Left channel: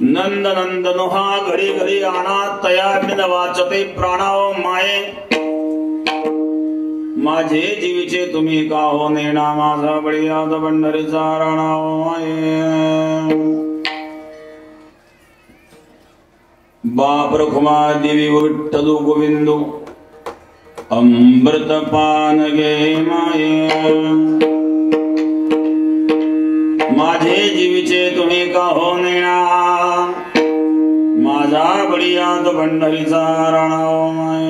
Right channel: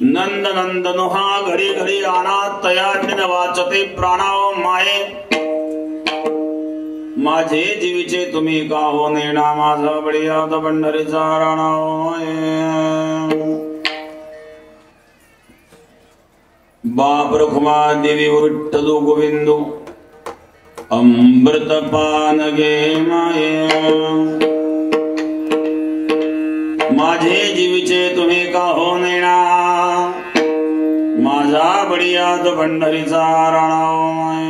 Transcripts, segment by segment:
नंद नंदनो हा घरी घरी अनाथ तया वाचते प्राणाव माये माझे जीवीचे तुम्ही का हो नेणा माझा बळीयाद पंढरीचा राणाव माये बाप रखुमा देवी विठ्ठलू गोविंदू अमृत पान गे माये माझे जीवीचे तुम्ही का हो नेणा माझा बळीयाद पंढरीचा राणाव माये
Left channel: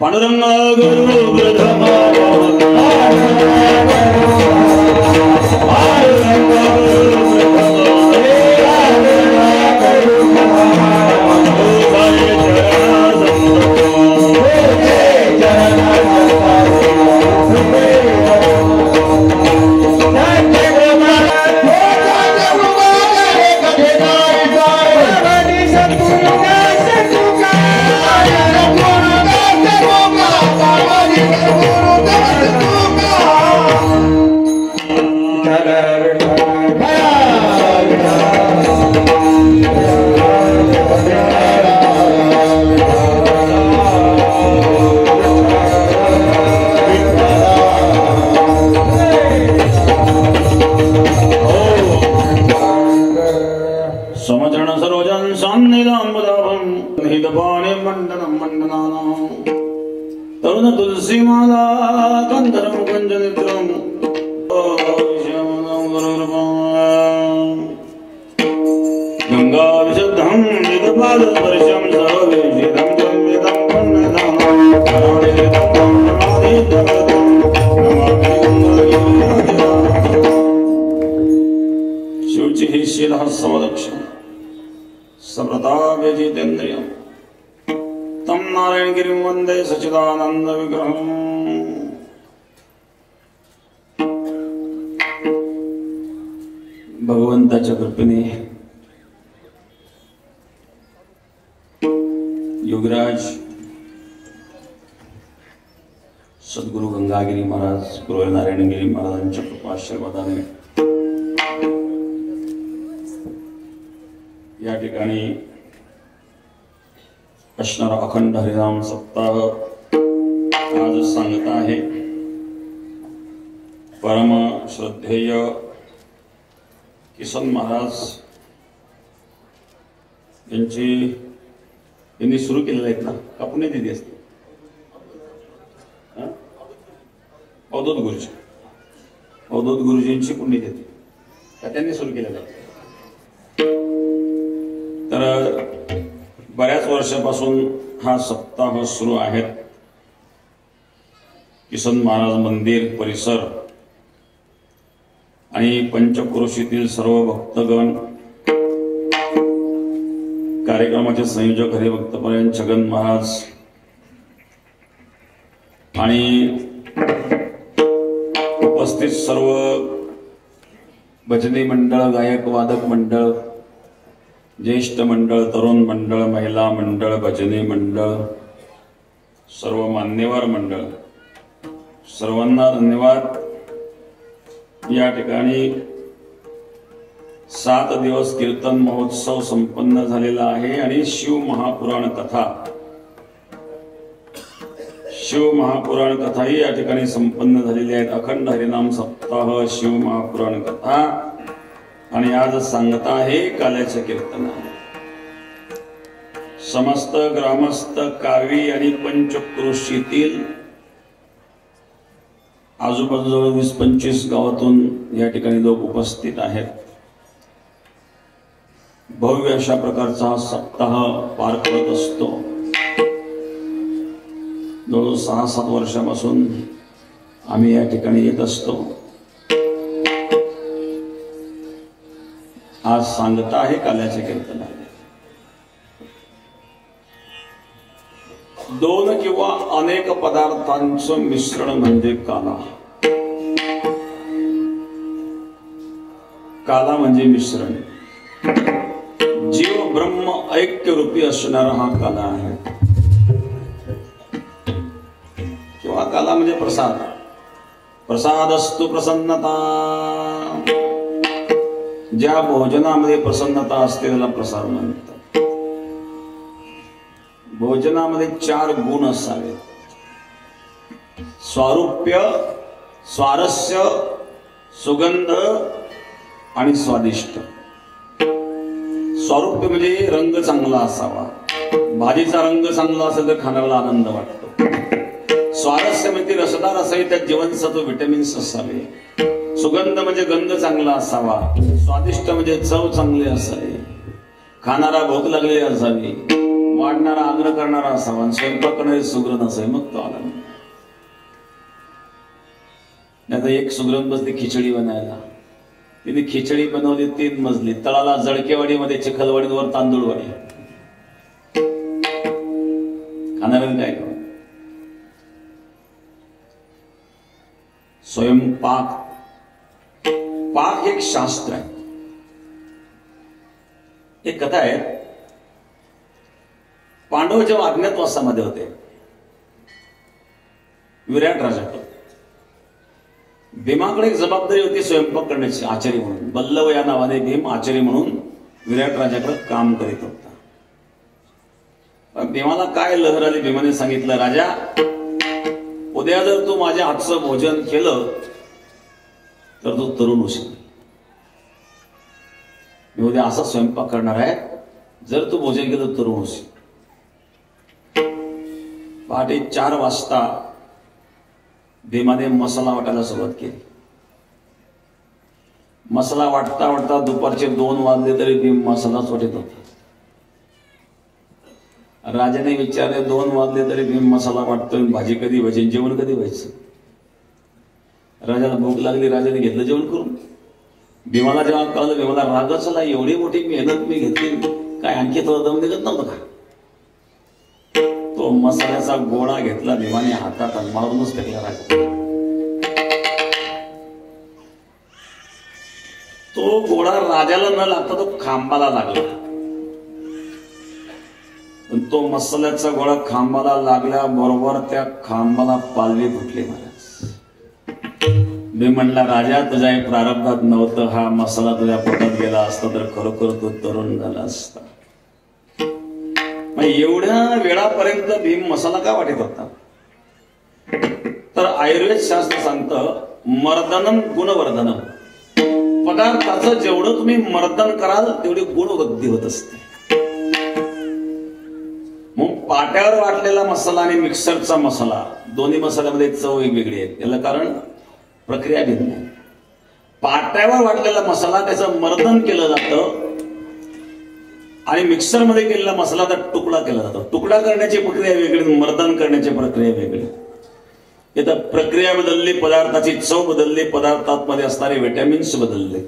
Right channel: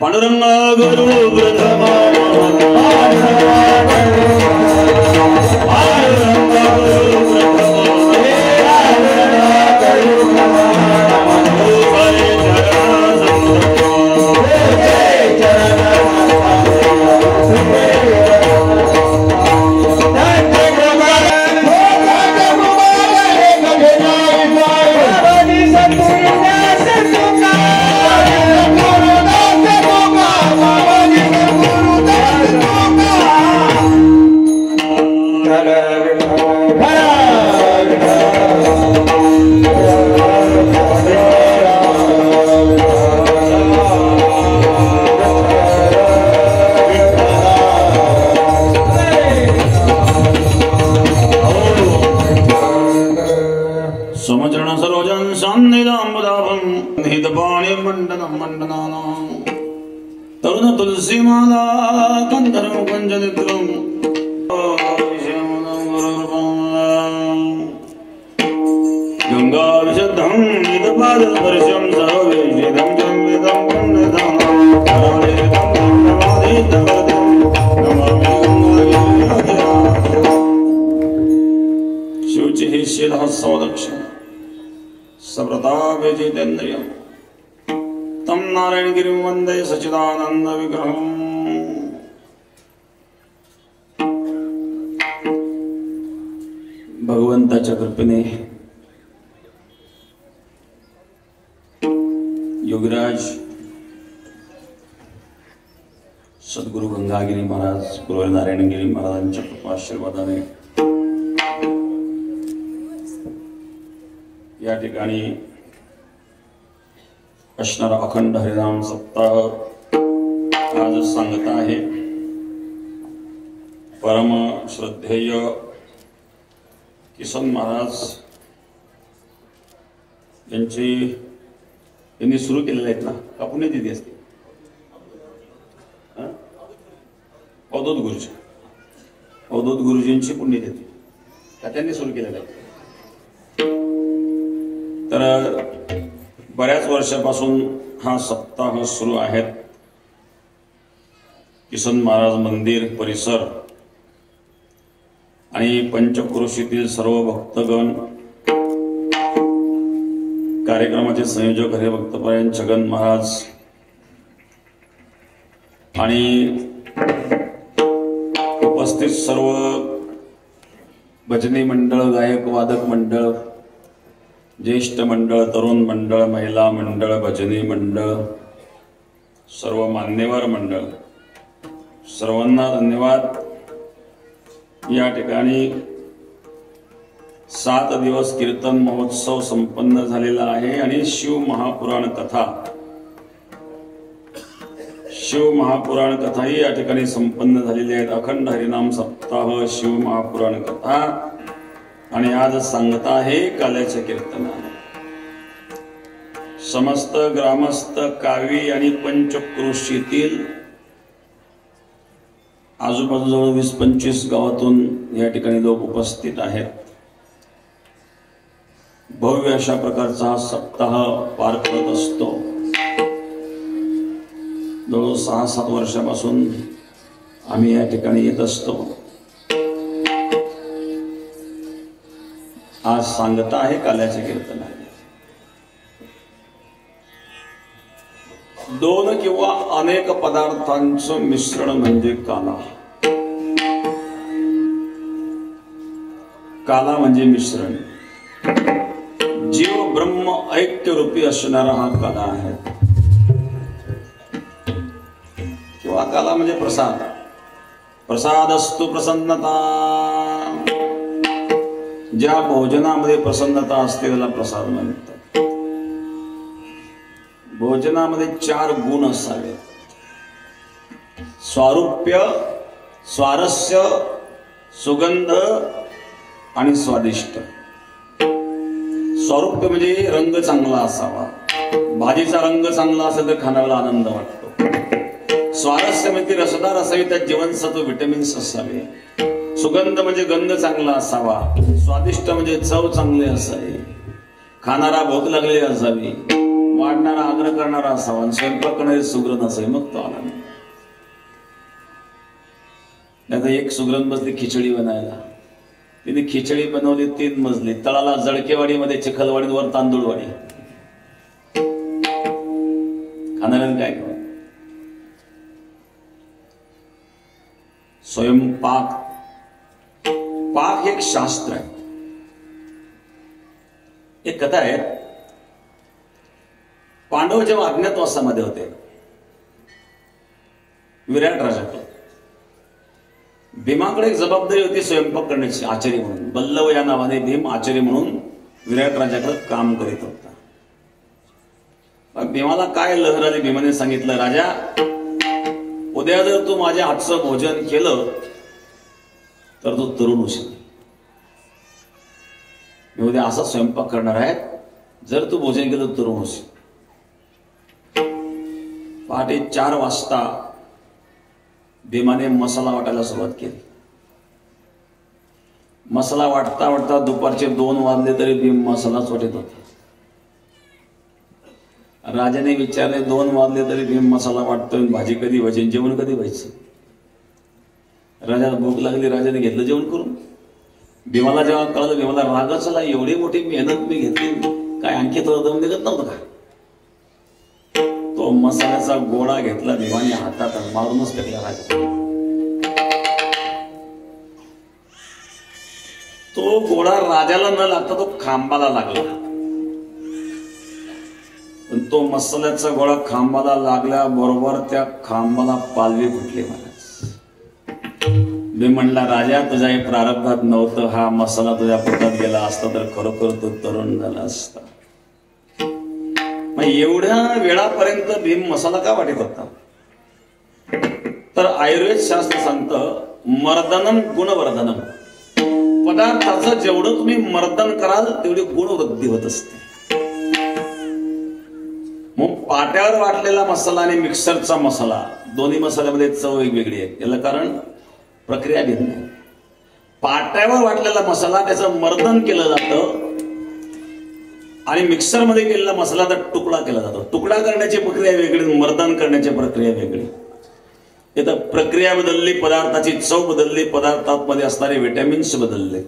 पांडुरंग गुरु प्रथमा तरुण तुलसी माला गंधर्व कुंजनित्रम गंगा विशुद्धं निदपाद वर्षं सर्ववेशिदं जन्मिदं पुण्यदं शिवची ही शीलः समदक्ष सप्रताप जितेन्द्रियं तम नारायण गिरी वंदे सचिदानंद विग्रहम् भगवंताच्या कृपेने योगराज सद्गुरु गंगागिरी महाराज गुरु नारायणगिरी महाराजांच्या कृपाशीर्वादाने या ठिकाणी असणारा अखंड हरिनाम सप्ताह आज सांगत आहे। परम श्रद्धेय किसन महाराज यांनी सुरू केलेले आहेत ना का पुणे दिली असते अवधूत गुरुजींची पुण्यतिथी का त्यांनी सुरू केलेलं आहे। तर बऱ्याच वर्षापासून हा सप्ताह सुरू आहे। किसन महाराज मंदिर परिसर आणि पंचक्रोशीतील सर्व भक्तगण कार्यक्रमाचे संयोजक हरिभक्तपरायण छगन महाराज आणि उपस्थित सर्व भजनी मंडळ गायक वादक मंडळ ज्येष्ठ मंडळ तरुण मंडळ महिला मंडळ भजनी मंडळ सर्व मान्यवर मंडळ सर्वांना धन्यवाद। या ठिकाणी 7 दिवस कीर्तन महोत्सव संपन्न झालेला आहे आणि शिव महापुराण कथाही या ठिकाणी संपन्न झालेली आहेत। अखंड हरिनाम सप्ताह शिव महापुराण कथा आणि आज सांगत आहे काल्याचे कीर्तन। समस्त ग्रामस्थ कावी आणि पंचक्रोशीतील आजूबाजूजवळ 20-25 गावातून या ठिकाणी लोक उपस्थित आहेत। भव्य अशा प्रकारचा हा सप्ताह पार करत असतो। जवळ 6-7 वर्षापासून आम्ही या ठिकाणी येत असतो। आज सांगत आहे काल्याचे कीर्तन। 2 किंवा अनेक पदार्थांचं मिश्रण म्हणजे काला। काला म्हणजे मिश्रण। जीव ब्रह्म ऐक्य रूपी असणारा हा काला आहे किंवा काला म्हणजे प्रसाद। प्रसादस्तु प्रसन्नता ज्या भोजनामध्ये प्रसन्नता असते त्याला प्रसाद म्हणतात. भोजनामध्ये 4 गुण असावे: स्वारूप्य, स्वारस्य, सुगंध आणि स्वादिष्ट. स्वारूप्य म्हणजे रंग चांगला असावा. भाजीचा रंग चांगला असेल तर खाण्याला आनंद वाटतो. स्वारस्य म्हणजे रसदार असावी, त्यात जीवनसत्व विटॅमिन्स असावे. सुगंध म्हणजे गंध चांगला असावा. स्वादिष्ट म्हणजे चव चांगली असावी. खाणारा भूक लागली असावी. वाढणारा आग्रह करणारा असावा. आणि स्वयंपाक करणारी सुगरण असावी, मग तो आला. आता एक सुगरण बसली खिचडी बनायला. तिने खिचडी बनवली 3 मजली. तळाला जळकेवाडीमध्ये चिखलवाडीवर तांदूळवाडी. खाणाऱ्याने काय करावं? स्वयंपाक, पाक एक शास्त्र आहे. एक कथा आहे. पांडव जेव्हा अज्ञातवासामध्ये होते, विराट राजाकडे भीमाकडे एक जबाबदारी होती स्वयंपाक करण्याची, आचारी म्हणून. बल्लव या नावाने भीम आचारी म्हणून विराट राजाकडे काम करीत होता. पण भीमाला काय लहर आली. भीमाने सांगितलं, राजा, उद्या जर तू माझ्या हातचं भोजन केलं तर तू तरुण होशील. मी उद्या असा स्वयंपाक करणार आहे, जर तू भोजन केलं तर तरुण होशील. पहाटे 4 वाजता भीमाने मसाला वाटायला सुरुवात केली. मसाला वाटता वाटता दुपारचे 2 वाजले तरी भीम मसालाच वाटत होते. राजाने विचारले, 2 वाजले तरी भीम मसाला वाटतोय, भाजी कधी व्हायची, जेवण कधी व्हायचं? राजाला भूक लागली. राजाने घेतलं जेवण करून. भीमाला जेव्हा कळलं, भीमाला रागच आला. एवढी मोठी मेहनत मी घेतली, काय आणखी थोडं दम निघत नव्हतं का? तो मसाल्याचा गोळा घेतला भीमाने हातात आणि मारूनच टाकला राजा. तो गोळा राजाला न लागता तो खांबाला लागला. तो मसाल्याचा गोळा खांबाला लागल्या बरोबर त्या खांबाला पालवी फुटली. महाराज, मी म्हणला, राजा, तुझ्या प्रारब्धात नव्हतं. हा मसाला तुझ्या पोटात गेला असता तर खरोखर तो तरुण झाला असता. मग एवढ्या वेळापर्यंत भीम मसाला का वाटत होता? तर आयुर्वेद शास्त्र सांगतं, मर्दनम गुणवर्धनम. पदार्थाचं जेवढं तुम्ही मर्दन कराल तेवढी गुणवृद्धी होत असते. मग पाट्यावर वाटलेला मसाला आणि मिक्सरचा मसाला, दोन्ही मसाल्यामध्ये चव वेगवेगळी आहे. याला कारण प्रक्रिया भिन्न आहे. पाट्यावर वाटलेला मसाला त्याचं मर्दन केलं जातं आणि मिक्सरमध्ये केलेला मसाला तर तुकडा केला जातो. तुकडा करण्याची प्रक्रिया वेगळी, मर्दन करण्याची प्रक्रिया वेगळी. इथं प्रक्रिया बदलली, पदार्थाची चव बदलली, पदार्थांमध्ये असणारे विटॅमिन्स बदलले.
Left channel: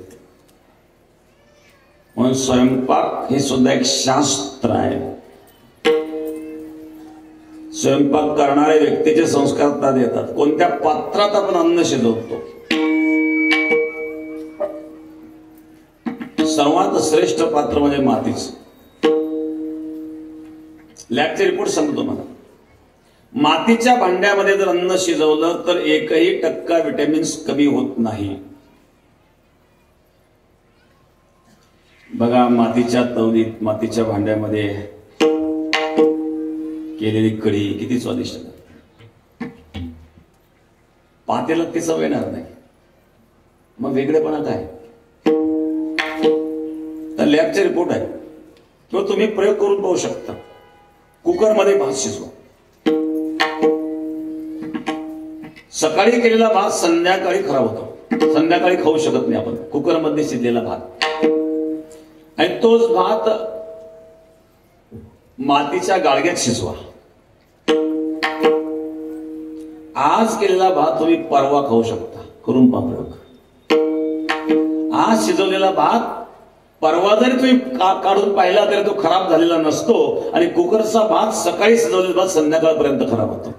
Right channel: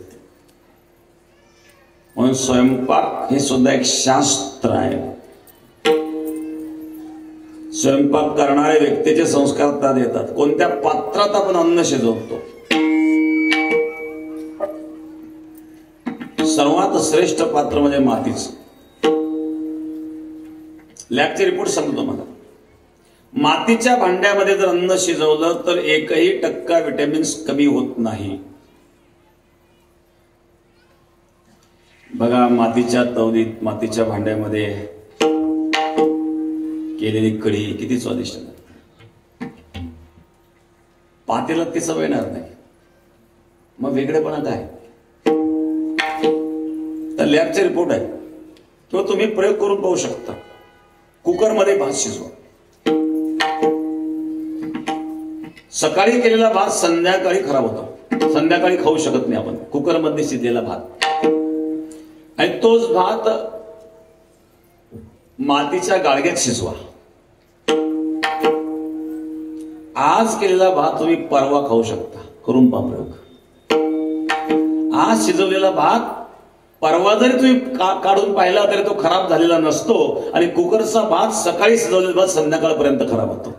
म्हणून स्वयंपाक हे सुद्धा एक शास्त्र आहे. स्वयंपाक करणाऱ्या व्यक्तीचे संस्कार त्यात येतात. कोणत्या पात्रात आपण अन्न शिजवतो? सर्वात श्रेष्ठ पात्र म्हणजे मातीचं. लॅबचे रिपोर्ट सांगतो मला. मातीच्या भांड्यामध्ये जर अन्न शिजवलं तर 1% विटॅमिन्स कमी होत नाही. बघा, मातीच्या तवलीत, मातीच्या भांड्यामध्ये केलेली कढी किती स्वादिष्ट. पातेल्यात ती चव येणार नाही. मग वेगळेपणा काय? तर लॅबचे रिपोर्ट आहे किंवा तुम्ही प्रयोग करून पाहू शकता. कुकरमध्ये भात शिजवा. सकाळी केलेला भात संध्याकाळी खराब होतो. संध्याकाळी खाऊ शकत नाही आपण कुकरमध्ये शिजलेला भात. आणि तोच भात मातीच्या गाळग्यात शिजवा. आज केलेला भात तुम्ही परवा खाऊ शकता. करून पहा. आज शिजवलेला भात परवा जरी तुम्ही काढून पाहिला तरी तो खराब झालेला नसतो. आणि कुकरचा भात सकाळी शिजवलेला भात संध्याकाळपर्यंत खराब होतो.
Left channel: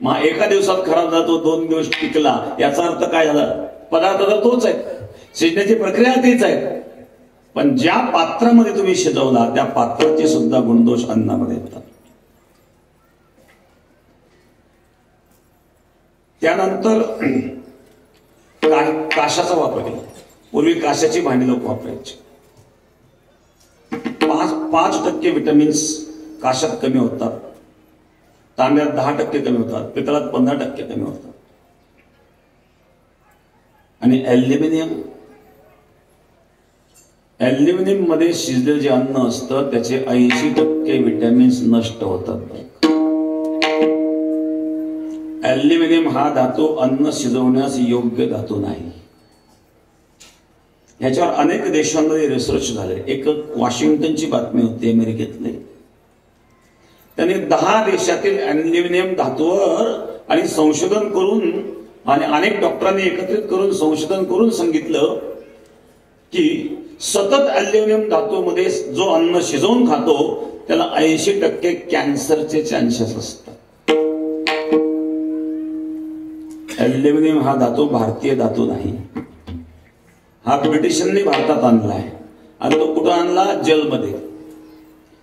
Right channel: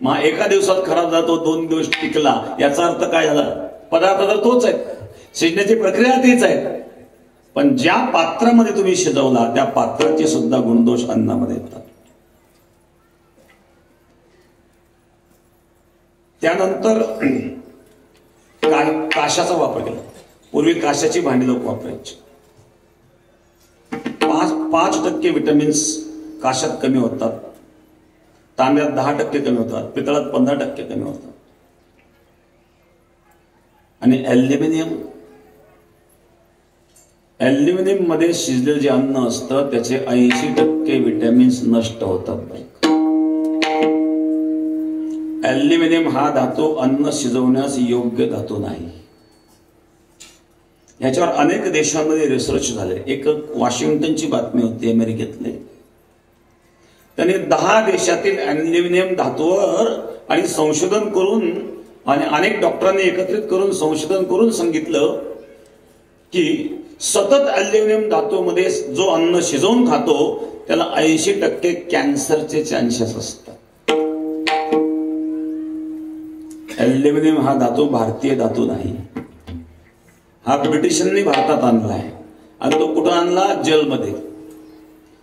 मग एका दिवसात खराब जातो, 2 दिवस टिकला, याचा अर्थ काय झाला? पदार्थ तर तोच आहे, शिजण्याची प्रक्रिया तीच आहे, पण ज्या पात्रामध्ये तुम्ही शिजवला त्या पात्राचे सुद्धा गुणदोष अन्नामध्ये येतात. त्यानंतर काशाचा वापर केला. पूर्वी काशाची भांडी लोक वापरायची. 5% विटॅमिन्स काशात कमी होतात, तांब्यात 10% कमी होतात, पितळात 15% कमी होतात. आणि ॲल्युमिनियम मध्ये शिजलेलं जे अन्न असतं त्याचे 80% विटॅमिन्स नष्ट होतात. ॲल्युमिनियम हा धातू अन्न शिजवण्यास योग्य धातू नाही. ह्याच्यावर अनेक देशांमध्ये रिसर्च झाले. एक वॉशिंग्टनची बातमी होती अमेरिकेतली. त्यांनी 10 देशातील ॲल्युमिनियम धातूवर आणि संशोधन करून आणि अनेक डॉक्टरांनी एकत्रित करून संशोधन करून सांगितलं की सतत ॲल्युमिनियम धातूमध्ये जो अन्न शिजवून खातो त्याला 80% कॅन्सरचे चान्सेस असतात. ॲल्युमिनियम हा धातू भारतीय धातू नाही. हा ब्रिटिशांनी भारतात आणला आहे. आणि तो कुठं आणला? जेलमध्ये.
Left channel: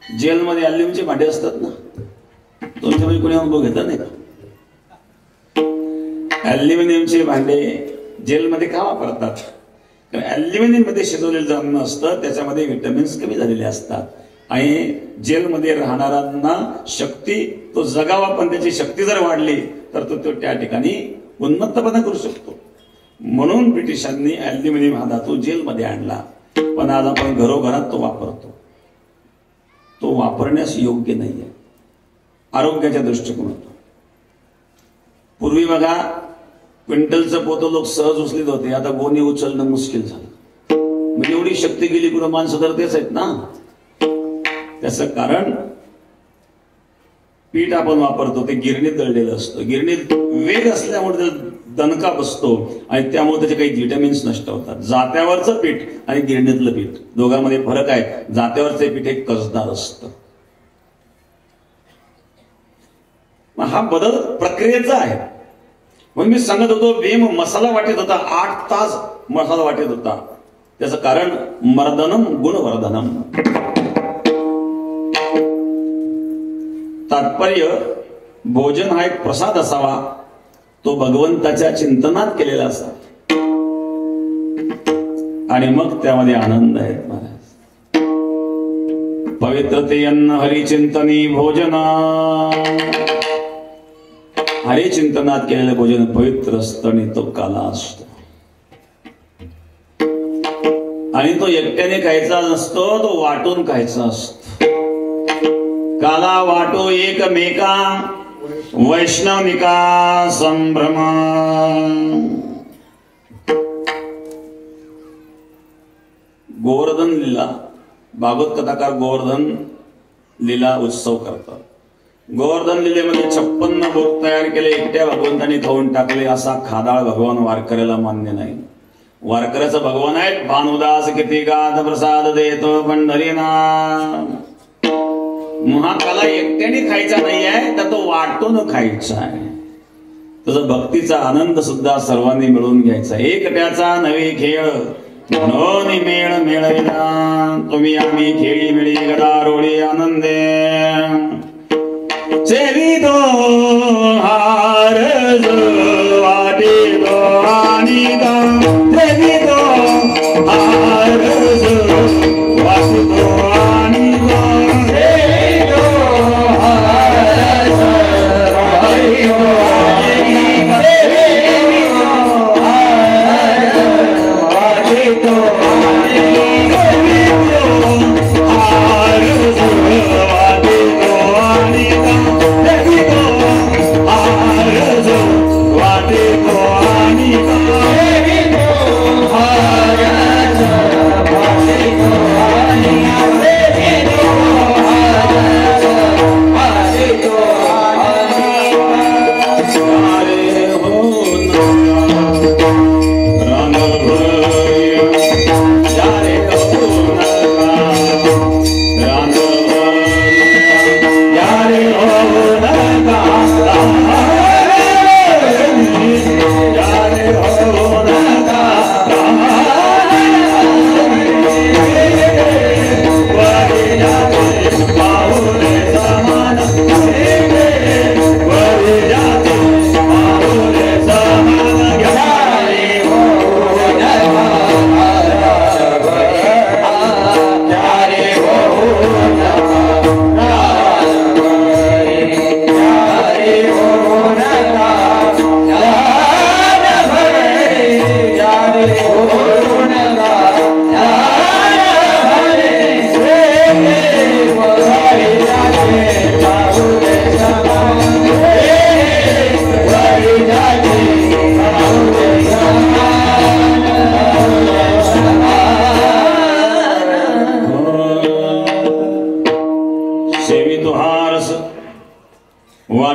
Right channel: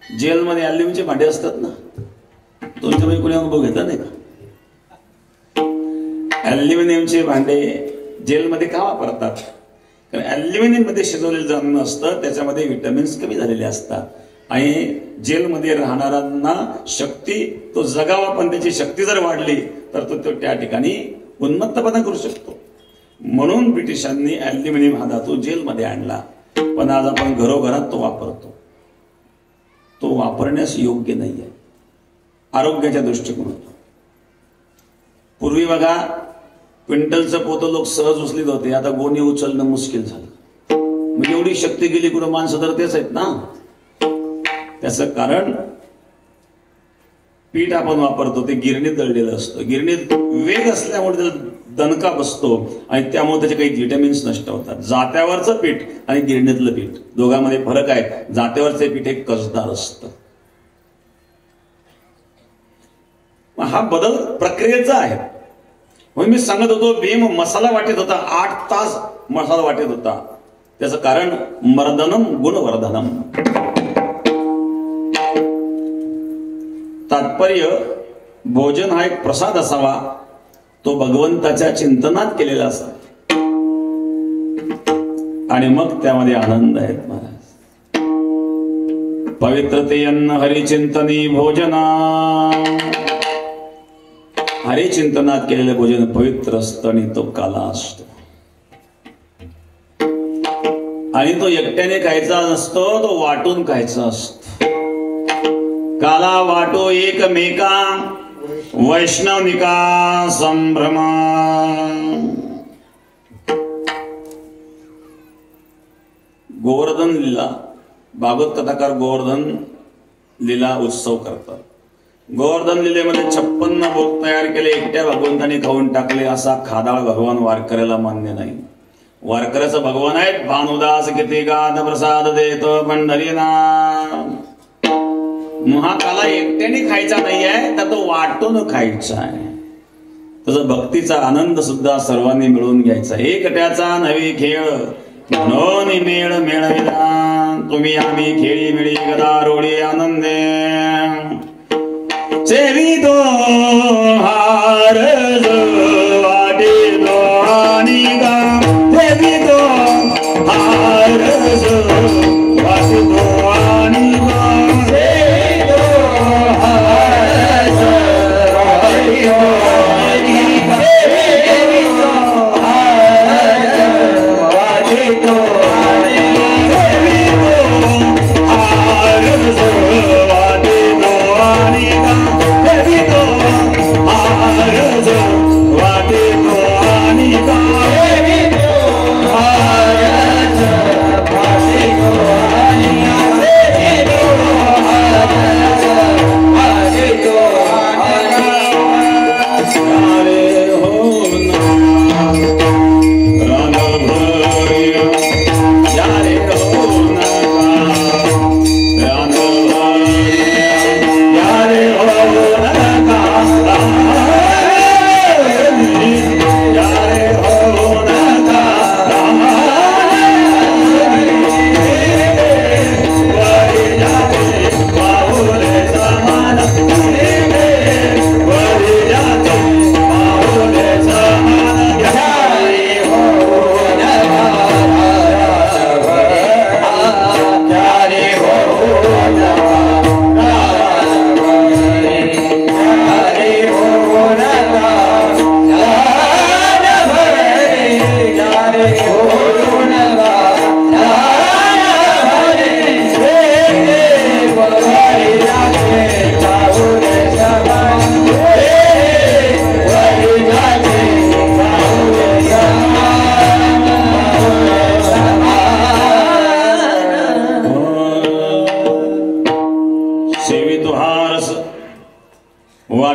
जेलमध्ये ॲल्युमिनियमचे भांडे असतात ना, तुमच्यापैकी कोणी अनुभव घेतला नाही का? ॲल्युमिनियमचे भांडे जेलमध्ये का वापरतात? कारण ॲल्युमिनियम मध्ये शिजवलेलं जे अन्न असतं त्याच्यामध्ये विटॅमिन्स कमी झालेले असतात आणि जेलमध्ये राहणाऱ्यांना शक्ती, तो जगावा पण त्याची शक्ती जर वाढली तर तो त्या ठिकाणी उन्मत्तपणा करू शकतो. म्हणून ब्रिटिशांनी ॲल्युमिनियम हा धातू जेलमध्ये आणला. पण आज आपण घरोघरात तो वापरतो. तो वापरण्यास योग्य नाहीये आरोग्याच्या दृष्टिकोनातून. पूर्वी बघा क्विंटलचं पोतं लोक सहज उचलीत होते, आता गोणी उचलणं मुश्किल झालं. म्हणजे एवढी शक्ती गेली, कुठं माणसं तर तेच आहेत ना. त्याचं कारण पीठ आपण वापरतो ते गिरणीत दळलेलं असतं. गिरणीत वेग असल्यामुळे दणका बसतो आणि त्यामुळे त्याचे काही विटॅमिन्स नष्ट होतात. जात्यावरचं पीठ आणि गिरणीतलं पीठ दोघांमध्ये फरक आहे. जात्यावरचं पीठ हे कसदार असतं. हा बदल प्रक्रियेचा आहे. म्हणून मी सांगत होतो भीम मसाला वाटत होता, 8 तास मसाला वाटत होता. त्याचं कारण मर्दनम गुणवर्धनम. तात्पर्य भोजन हा एक प्रसाद असावा, तो भगवंताच्या चिंतनात केलेला असावा आणि मग त्यामध्ये आनंद आहे. पवित्रते अन्न हरिचिंतनी भोजना. हरिचिंतनात केलेलं भोजन पवित्र असतं आणि तो काला असतो. आणि तो एकट्याने खायचा नसतो, तो वाटून खायचा असतो. काला वाटो एकमेका वैष्णविका संभ्रमा. गोवर्धन लीला, भागवत कथाकार गोवर्धन लीला उत्सव करतात. गोवर्धन लीलेमध्ये 56 भोग तयार केले, एकट्या भगवंताने खाऊन टाकले. असा खादाळ भगवान वारकऱ्याला मान्य नाही. वारकऱ्याचं भगवान आहेत भानुदास, किती गाद प्रसाद देतो पंढरीनाथ. महाकाला एकट्याने खायचा नाही आहे, तर तो वाटून खायचा आहे. त्याचा भक्तीचा आनंद सुद्धा सर्वांनी मिळून घ्यायचा. एकट्याचा नवे खेळ म्हणून मेळ मेळविला. तुम्ही आम्ही खेळी मिळी गदारोळी आनंदे. सेवितो हार वाटे तो आणि गा. सेवितो हार वाटे तो आणि गा. सेवितो हार वाटे तो आणि गा. सेवितो हार वाटे तो आणि गा. सेवितो हार वाटे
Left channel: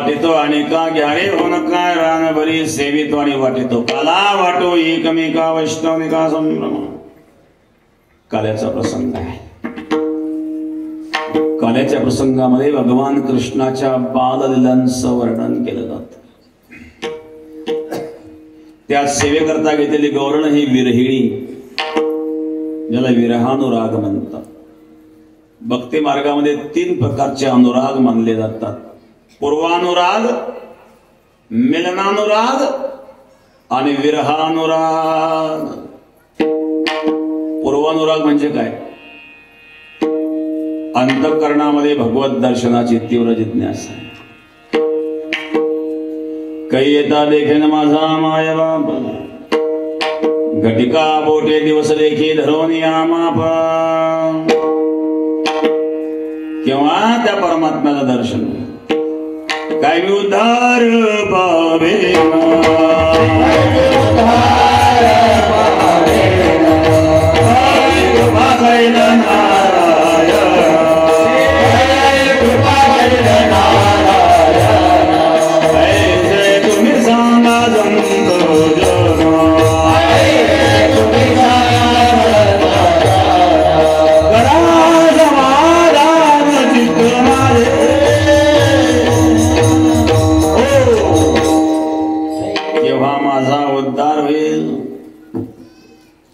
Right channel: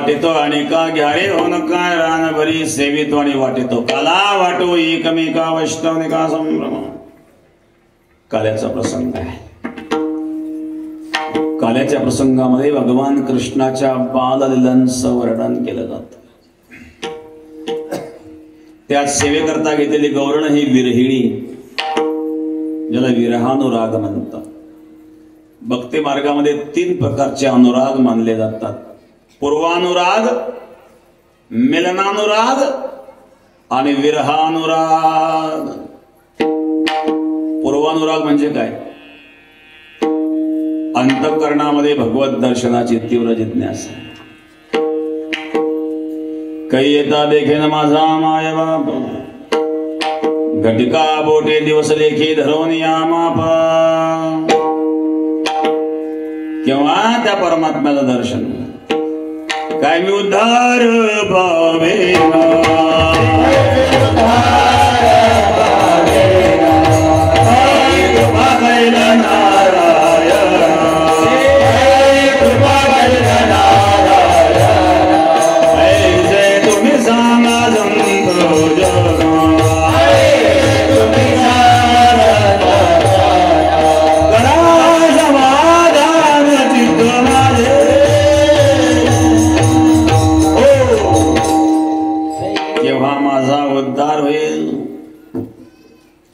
वाटितो आणि का घ्यारे होन काय रान भरी सेवितो आणि वाटितो काला वाटो एकमेका वैष्णविका संभ्रम. काल्याचा प्रसंग आहे. काल्याच्या प्रसंगामध्ये भगवान कृष्णाच्या बाललीलांचं वर्णन केलं जातं. त्यात सेवेकरता घेतलेली गौरण ही विरहिणी, ज्याला विरहानुराग म्हणतात. भक्ती मार्गामध्ये 3 प्रकारचे अनुराग मानले जातात. पूर्वानुराग, मिलनानुराग आणि विरहानुराग. पूर्वानुराग म्हणजे काय? अंतःकरणामध्ये भगवत दर्शनाची तीव्र जिज्ञासा. कै येता देखेन माझा माय बाप, घटिका बोटे दिवस लेखी धरून या माप. केव्हा त्या परमात्म्याचं दर्शन काय मी उद्धार पावे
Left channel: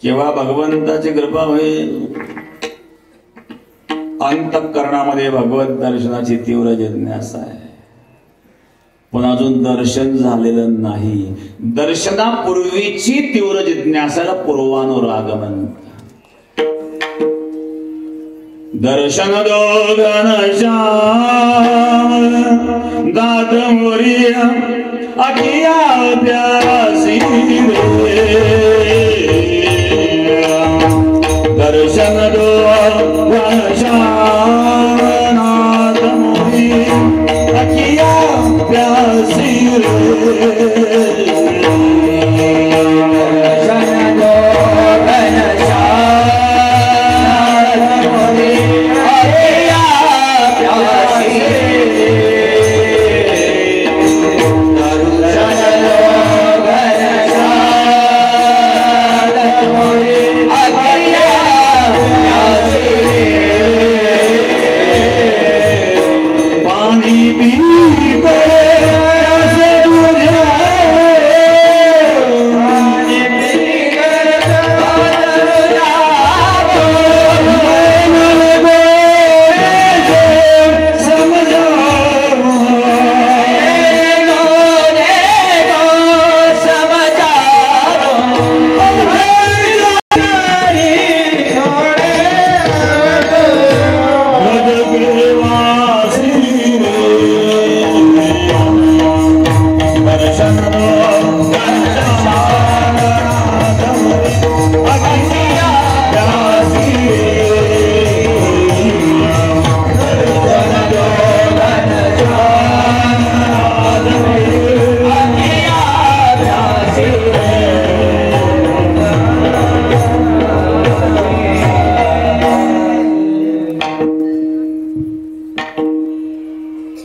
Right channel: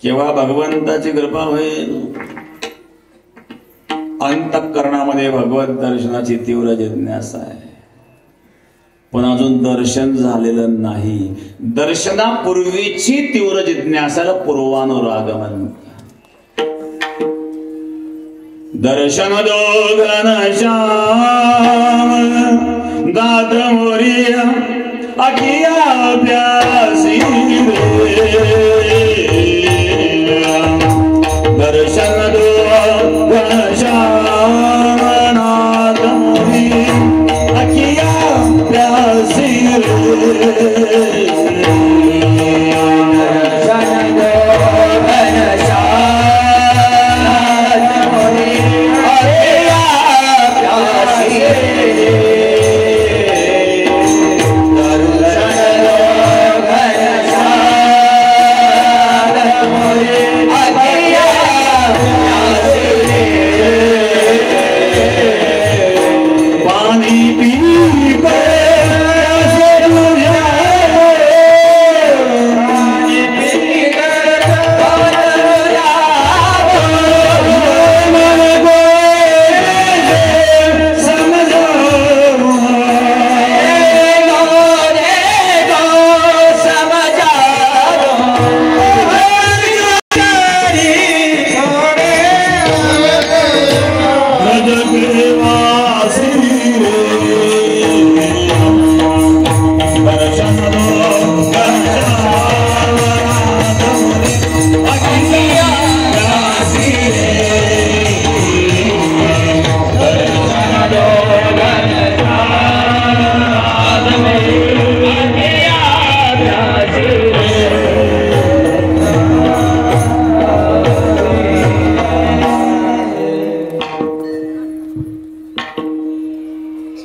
केव्हा भगवंताची कृपा होईल. अंतःकरणामध्ये भगवत दर्शनाची तीव्र जिज्ञासा आहे. पण अजून दर्शन झालेलं नाही. दर्शनापूर्वीची तीव्र जिज्ञासाला पूर्वानुराग म्हणतात. दर्शन दो घनश्याम दात मोरिया अखिया प्यासी दर्शन दो घनश्याम नाथ मोरी अखिया प्यासी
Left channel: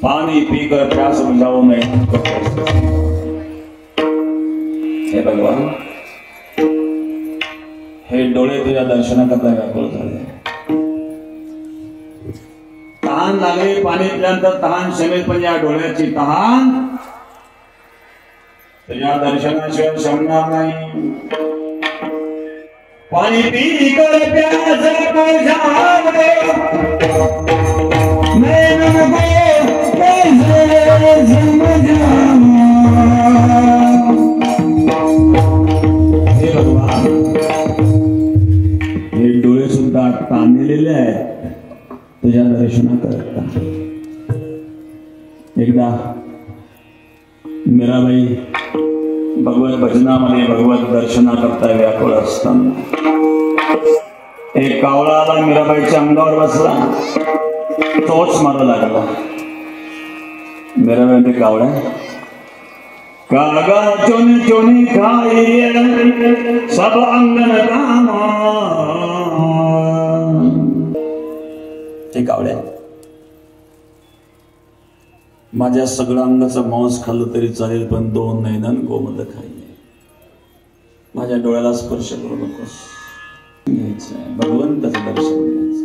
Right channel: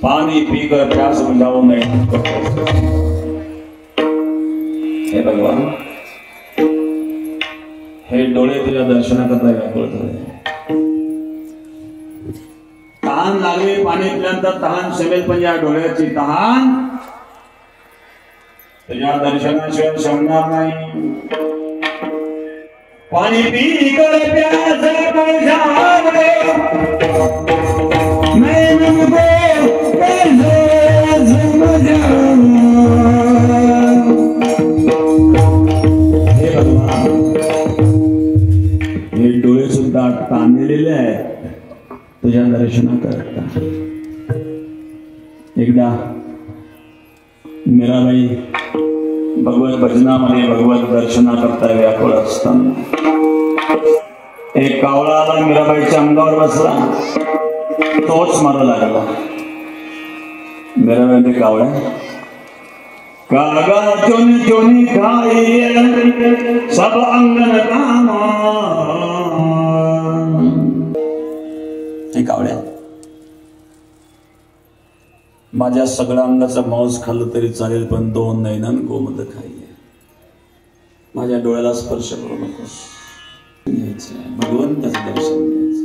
पानी पीकर प्यास बुझाओ मैं. हे भगवान, हे डोळे तुझ्या दर्शनाकरता व्याकुळ झाले. तहान लागेल पाणी पिल्यानंतर तहान शमेल, पण या डोळ्याची तहान तुझ्या दर्शनाशिवाय शमणार नाही. पाणी पीकर प्यास बुझाओ मैं हे डोळे सुद्धा ताणलेले आहेत तुझ्या दर्शनाकरता. एकदा मीराबाई भगवत भजनामध्ये भगवत दर्शनाकरता व्याकुळ असताना एक कावळा आला, मीराबाईच्या अंगावर बसला, तोच मारू लागला. मीराबाईने कावळा कागा चोनी चोनी खाए सब अंगन कामा. हे कावळ्या माझ्या सगळ्या अंगाचा मांस खाल्लं तरी चालेल, पण 2 नयनान गोमत खाईये. माझ्या डोळ्याला स्पर्श करू नकोस. भगवंताचं दर्शन घ्यायचं.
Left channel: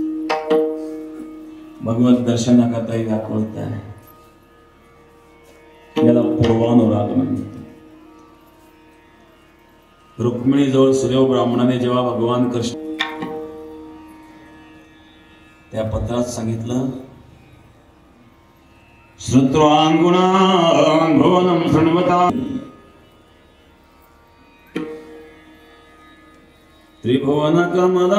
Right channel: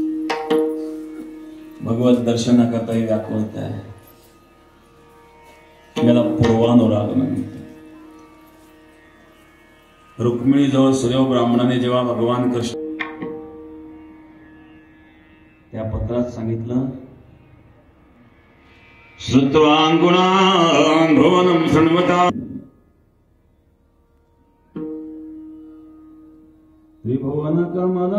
भगवत दर्शनाकरता व्याकुळत आहे. याला पूर्वानुराग म्हणतात. रुक्मिणीजवळ सूर्य ब्राह्मणाने जेव्हा भगवान कृष्ण त्या पत्रात सांगितलं, श्रुत्वां गुणान् भुवनं शृण्वता त्रिभुवन कमलं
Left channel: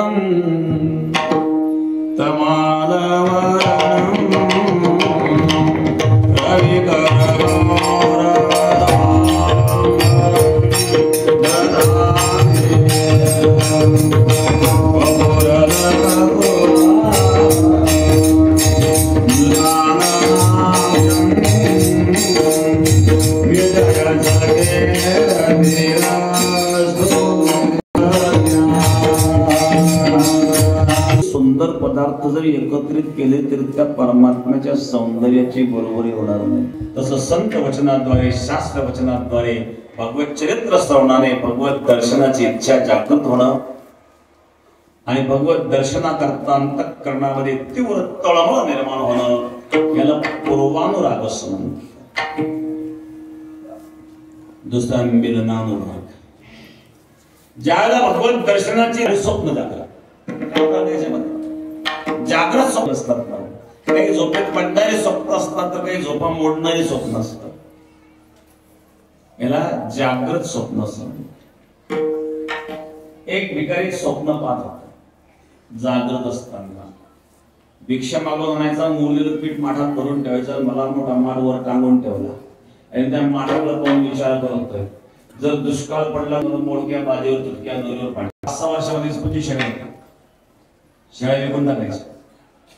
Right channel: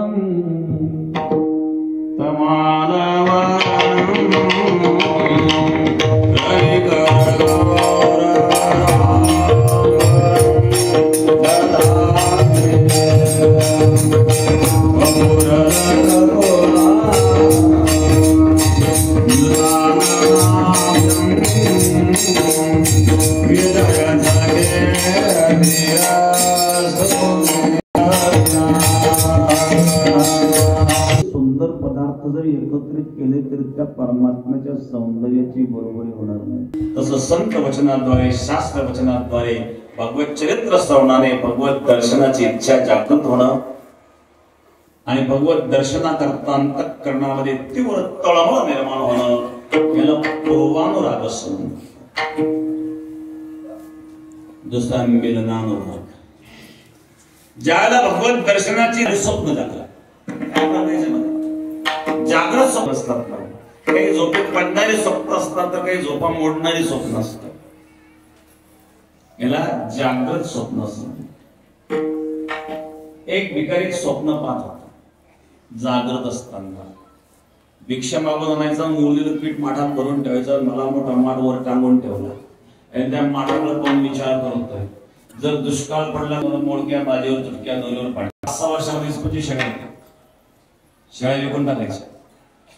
एकत्रित केले तरी त्या परमात्म्याच्या सौंदर्याची बरोबरी होणार नाही. तसं संत वचनाद्वारे, शास्त्र वचनाद्वारे, भगवत चरित्र श्रवणाने भगवत दर्शनाची इच्छा जागृत होणं आणि भगवत दर्शनाकरता अंतःकरणामध्ये तीव्र तळमळ निर्माण होणं याला पूर्वानुराग असं म्हणतात. दुसरा मिलनानुराग. ज्याला भगवत दर्शनाची स्वप्न जागृत स्वप्न असतात. काही झोपेत काढणारी स्वप्न असतात तर काही झोपा मोडणारी स्वप्न असतात. याला जागृत स्वप्न असत. एक भिकारी स्वप्न पाहत होता जागृत असताना. भिक्षा मागून आणायचा, मुरलेलं पीठ माठात भरून ठेवायचं, मला मोठा माठ वर टांगून ठेवला आणि त्या माठावर कोण विचार करतोय, जर दुष्काळ पडला म्हणून मोडक्या बाजीवर तुटक्या दोरीवर पाणी. 5-6 वर्षामध्ये शाळा विकून टाकायची,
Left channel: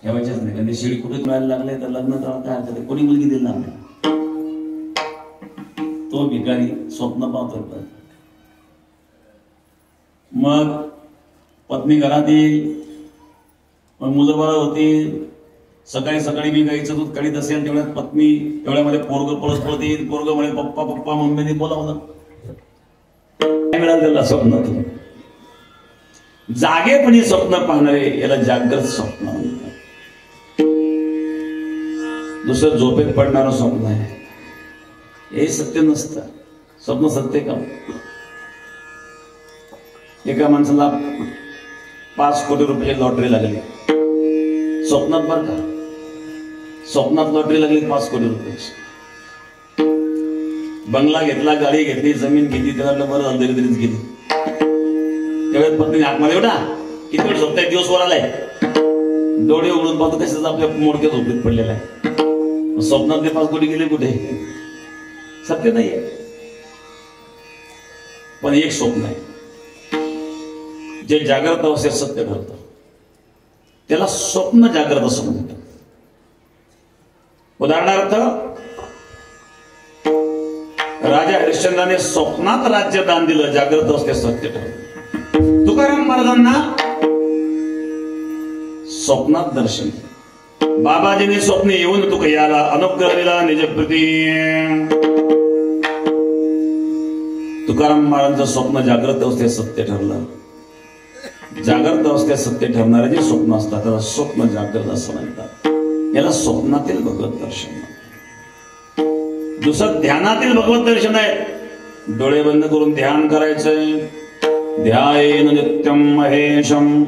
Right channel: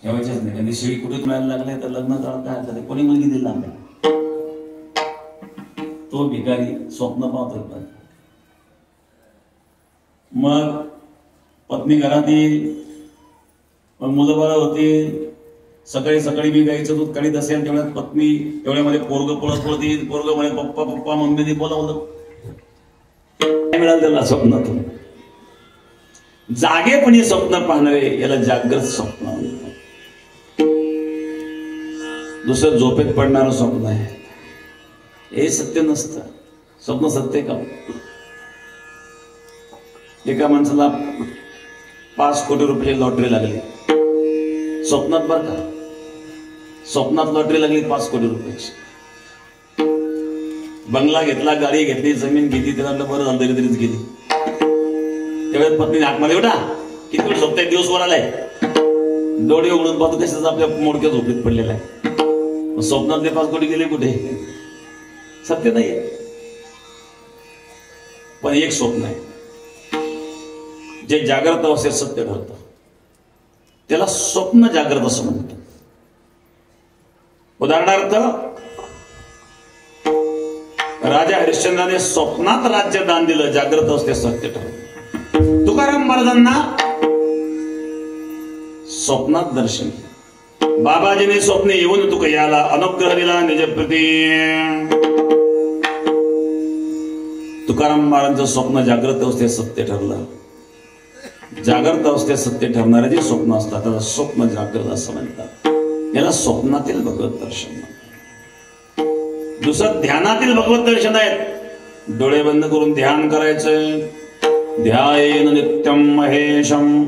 ठेवायचेच नाही. कारण शिळी कुठे मिळायला लागले तर लग्न करायला काय हरकत आहे, कोणी मुलगी दिली लागली. तो भिकारी स्वप्न पाहतोय. मग पत्नी घरात येईल, मग मुलं बाळ होतील. सकाळी सकाळी मी गाईचं दूध काढीत असेल तेवढ्यात पत्नी, तेवढ्यामध्ये पोरग पळत येईल. पोरग म्हणे पप्पा पप्पा, मम्मीने बोलावलं. काय मिळालं त्याला स्वप्नातून? जागेपणी स्वप्न पाहणारे याला जागृत स्वप्न म्हणतात. दुसरं झोपेत पडणारं स्वप्न आहे, हे सत्य नसतं. स्वप्न सत्य का? एका माणसाला 5 कोटी रुपयाची लॉटरी लागली स्वप्नात. बरं का, स्वप्नात लॉटरी लागली 5 कोटी रुपयाची. बंगला घेतला, गाडी घेतली, जमीन घेतली. त्याला बरं अंधेरीतच गेली. त्यावेळेस पत्नीने हाक मारला, एवढा किती वेळ झोपताय, दिवस वर आलाय. डोळे उघडून पाहतो कशाच आपल्या मोडक्या झोपडीत पडलेला आहे. स्वप्नातले 5 कोटी गेले कुठे? सत्य नाहीये. पण एक स्वप्न आहे जे जागृत अवस्थेत सत्य ठरतं, त्याला स्वप्न जागृत असं म्हणतात. उदाहरणार्थ, राजा हरिश्चंद्राने स्वप्नात राज्य दान दिलं, जागृत अवस्थेत सत्य ठरलं. तुकाराम महाराजांना स्वप्नात दर्शन, बाबाजीने स्वप्ने येऊन तुका याला अनुग्रह दिला निजप्रती. तुकाराम महाराजांचं स्वप्न जागृत अवस्थेत सत्य ठरलं. जागृत अवस्थेत सत्य ठरणारे जे स्वप्न असतात त्याला स्वप्न जागृत असं म्हणतात. याला स्वप्नातील भगवत दर्शन. दुसरं ध्यानातील भगवत दर्शन आहे. डोळे बंद करून ध्यान करायचंय. ध्यायेन नित्यं महेशं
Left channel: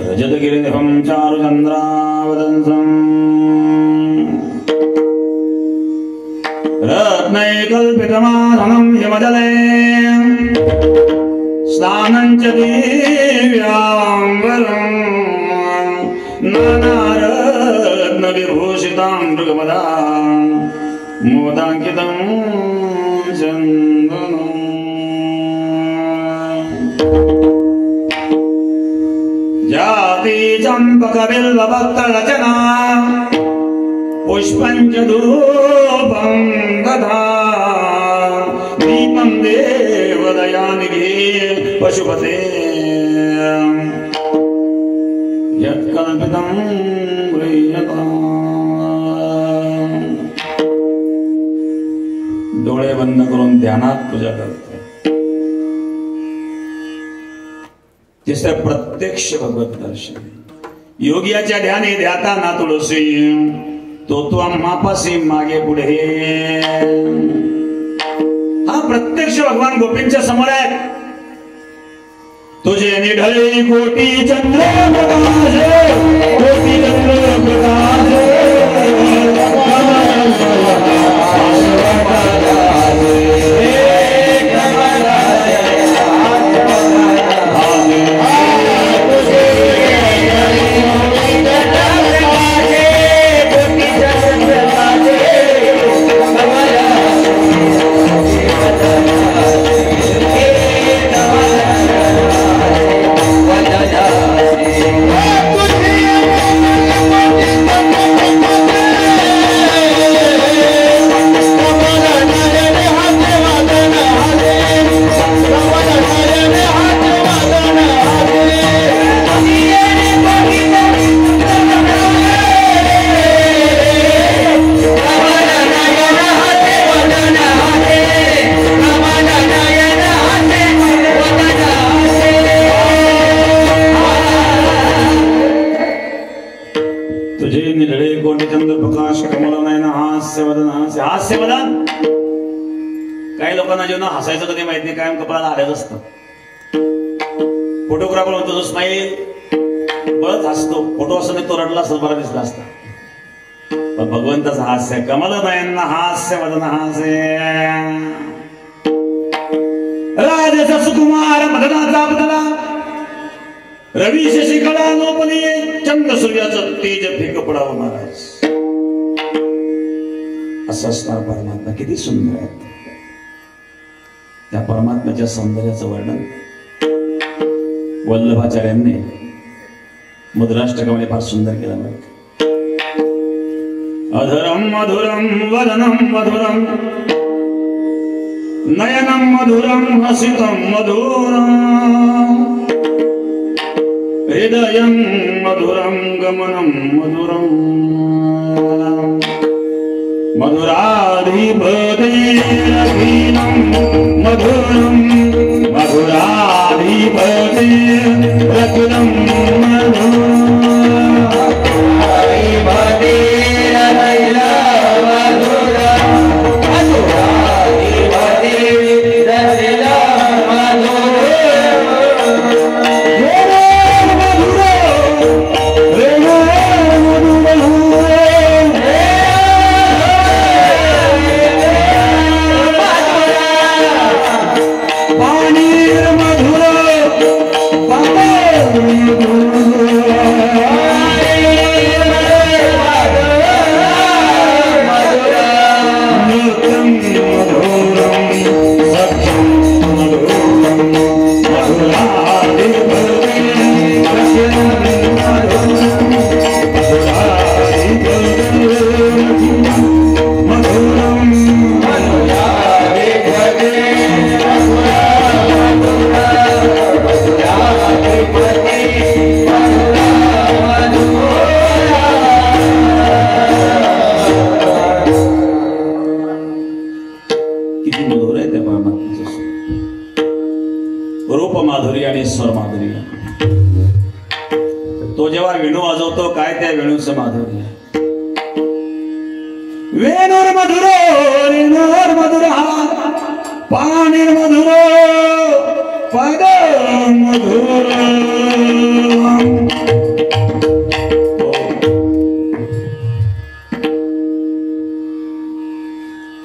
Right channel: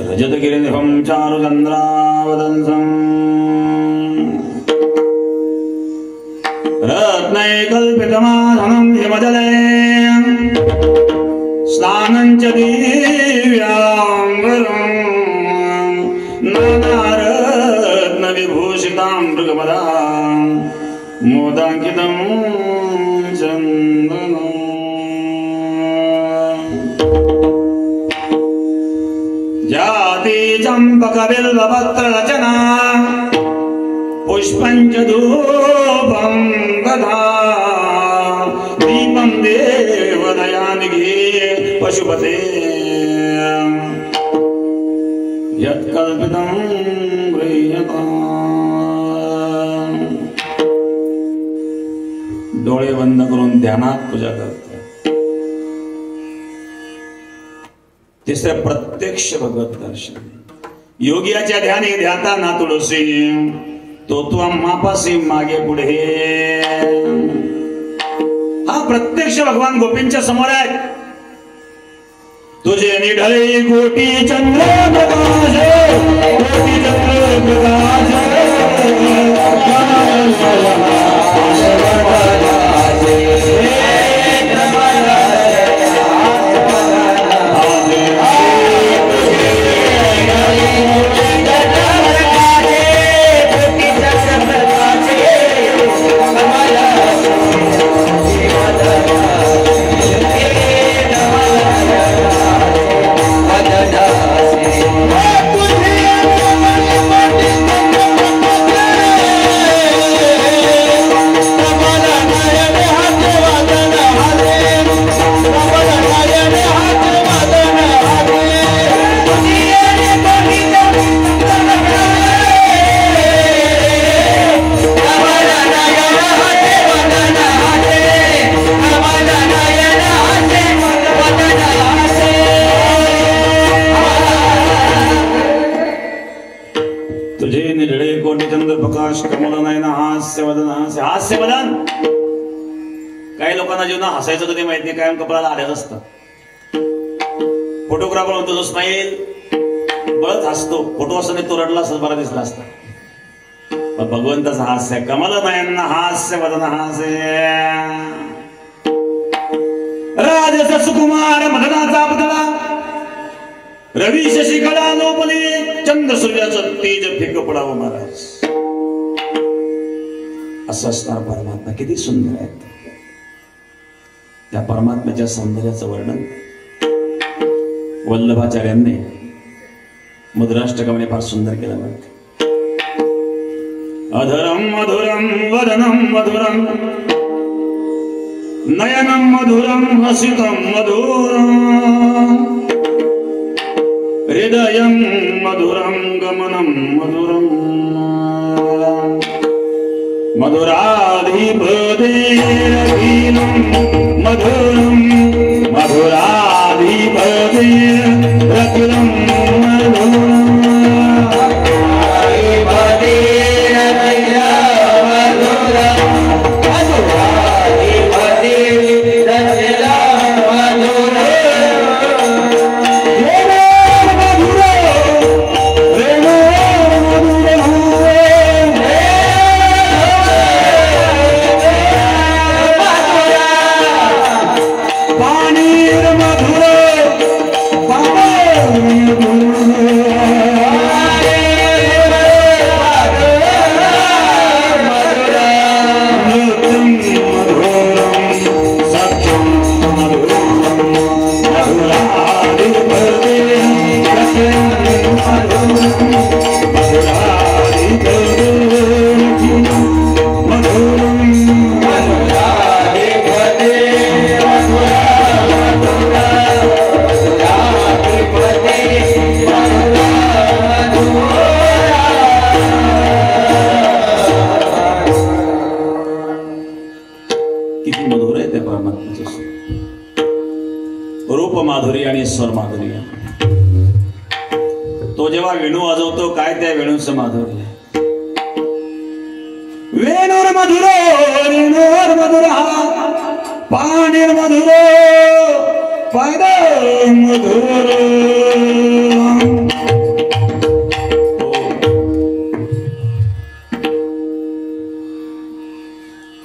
रजतगिरिनिभं चारुचन्द्रावतंसं रत्नैकल्पितमाधनं हिमजले स्नानं च दिव्याम्बरं नानारत्नविभूषितां मृगपदां मोदाङ्कितं चन्दनं जाति चम्पकबिल्वपत्ररचना पुष्पञ्च धूपं दधा दीपं देवदयानिधि पशुपते यत्कल्पितं गृह्यताम्. बंद करून ध्यानात पूजा करते. तिसरं प्रत्यक्ष भगवत दर्शन. योगियाच्या ध्याने ध्याता ना तुळसी तो आम्हापासी मागे पुढे. हा प्रत्यक्ष भगवान गोपींच्या समोर आहे. तुझे निढळे कोटी चंद्र प्रकाश, कोटी चंद्र प्रकाश, काही लोकांना जेव्हा हसायचं तर काही माहित नाही, कायम कपड्याला आलेच असतं. फोटोग्राफर म्हणतो तो स्माईल बळच हसतो, फोटो असं नाही तो रडला असं बरा दिसला असता. पण भगवंताचं हास्य कमल नयन हास्य वदन हास्य. राजस सुकुमार मदनाचा पुतळा रवी शशिकला लोपली चंद्र सूर्याचं तेज फेक पडावं महाराज. असं असणार परमात्मा किती सुंदर आहे. त्या परमात्म्याच्या सौंदर्याचं वर्णन वल्लभाचार्यांनी मुद्राष्टकामध्ये फार सुंदर केलं. अधरम मधुरम वदनम मधुरम नयनम मधुरम हसितम मधुरम हृदयं मधुरम गमनम मधुरम मधुराधिपते अखिलं मधुरम मधुराधिपते अखिलं मधुरम.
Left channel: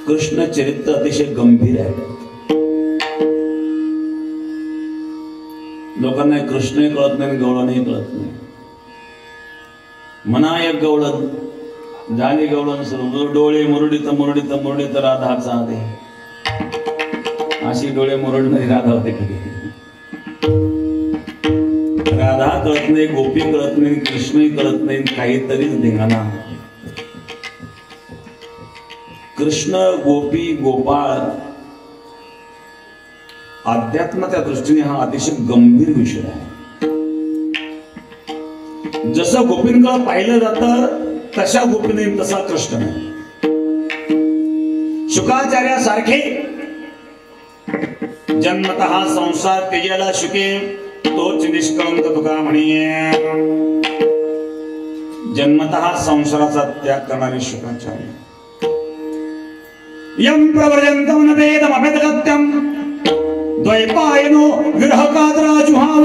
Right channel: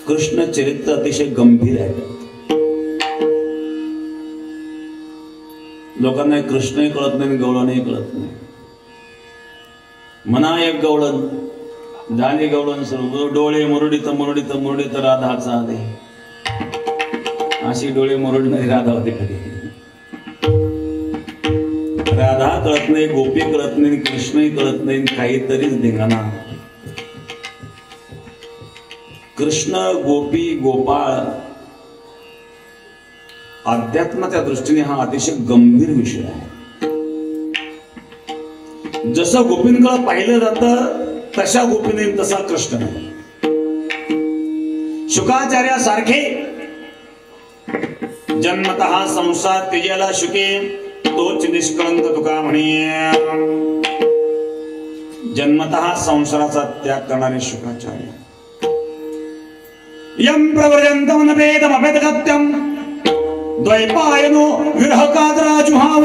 कृष्ण चरित्र अतिशय गंभीर आहे. लोकांना कृष्णही कळत नाही, गवळणही कळत नाही. मना एक गवळण झाली गवळण सुरू डोळे मुरडीत मुरडीत मुरडीत राधाचा दे अशी डोळे मुरडणारी राधा होते. कधी राधा कळत नाही, गोपी कळत नाही, कृष्णही कळत नाही, काहीतरीच धिंगाणा. कृष्ण गोपी गोपाळ अध्यात्माच्या दृष्टीने हा अतिशय गंभीर विषय आहे. जसं गोपींकडे पाहिलं जातं तशा गोपीने तसा कृष्ण नाही. शुकाचार्यासारखे जन्मतः संसार त्याला शुके तोच निष्कळंक तुका म्हणे. जन्मतः संसाराचा त्याग करणारे शुकाचार्य. यम प्रवर्यंतम न वेदमभेदगत्यम द्वैपायनो विरहकादराजुहाव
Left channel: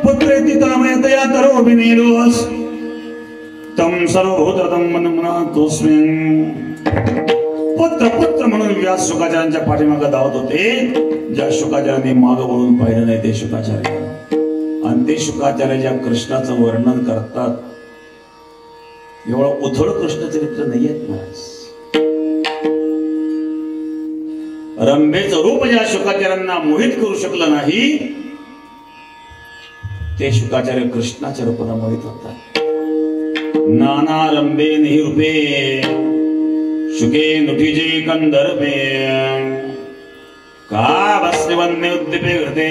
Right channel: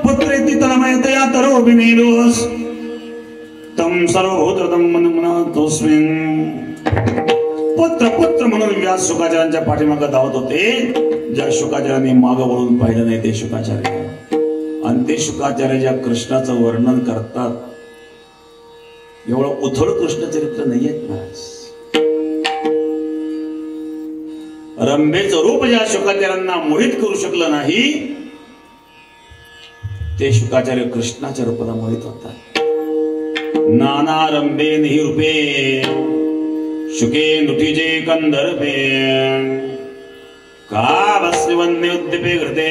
पुत्रेति तन्मयतया तरो विनीरोस तम सर्वभूतम मनमनातोस्मिन्. पुत्र पुत्र म्हणून व्यास शुकाचार्यांच्या पाठीमागे धावत होते. ज्या शुकाचार्यांनी मागं वळून पाहिलं नाही ते शुकाचार्य. आणि ते शुकाचार्य ज्या कृष्णाचं वर्णन करतात एवढं उथळ कृष्ण चरित्र नाहीये महाराज. रंभेचं रूप ज्या शुकाचार्यांना मोहित करू शकलं नाही ते शुकाचार्य कृष्णाच्या रूपाला मोहित होतात. नाना रंभे निही रूपे शुके नुटिजे कंदर्पे का बसवन्य उद्दीपे घृते.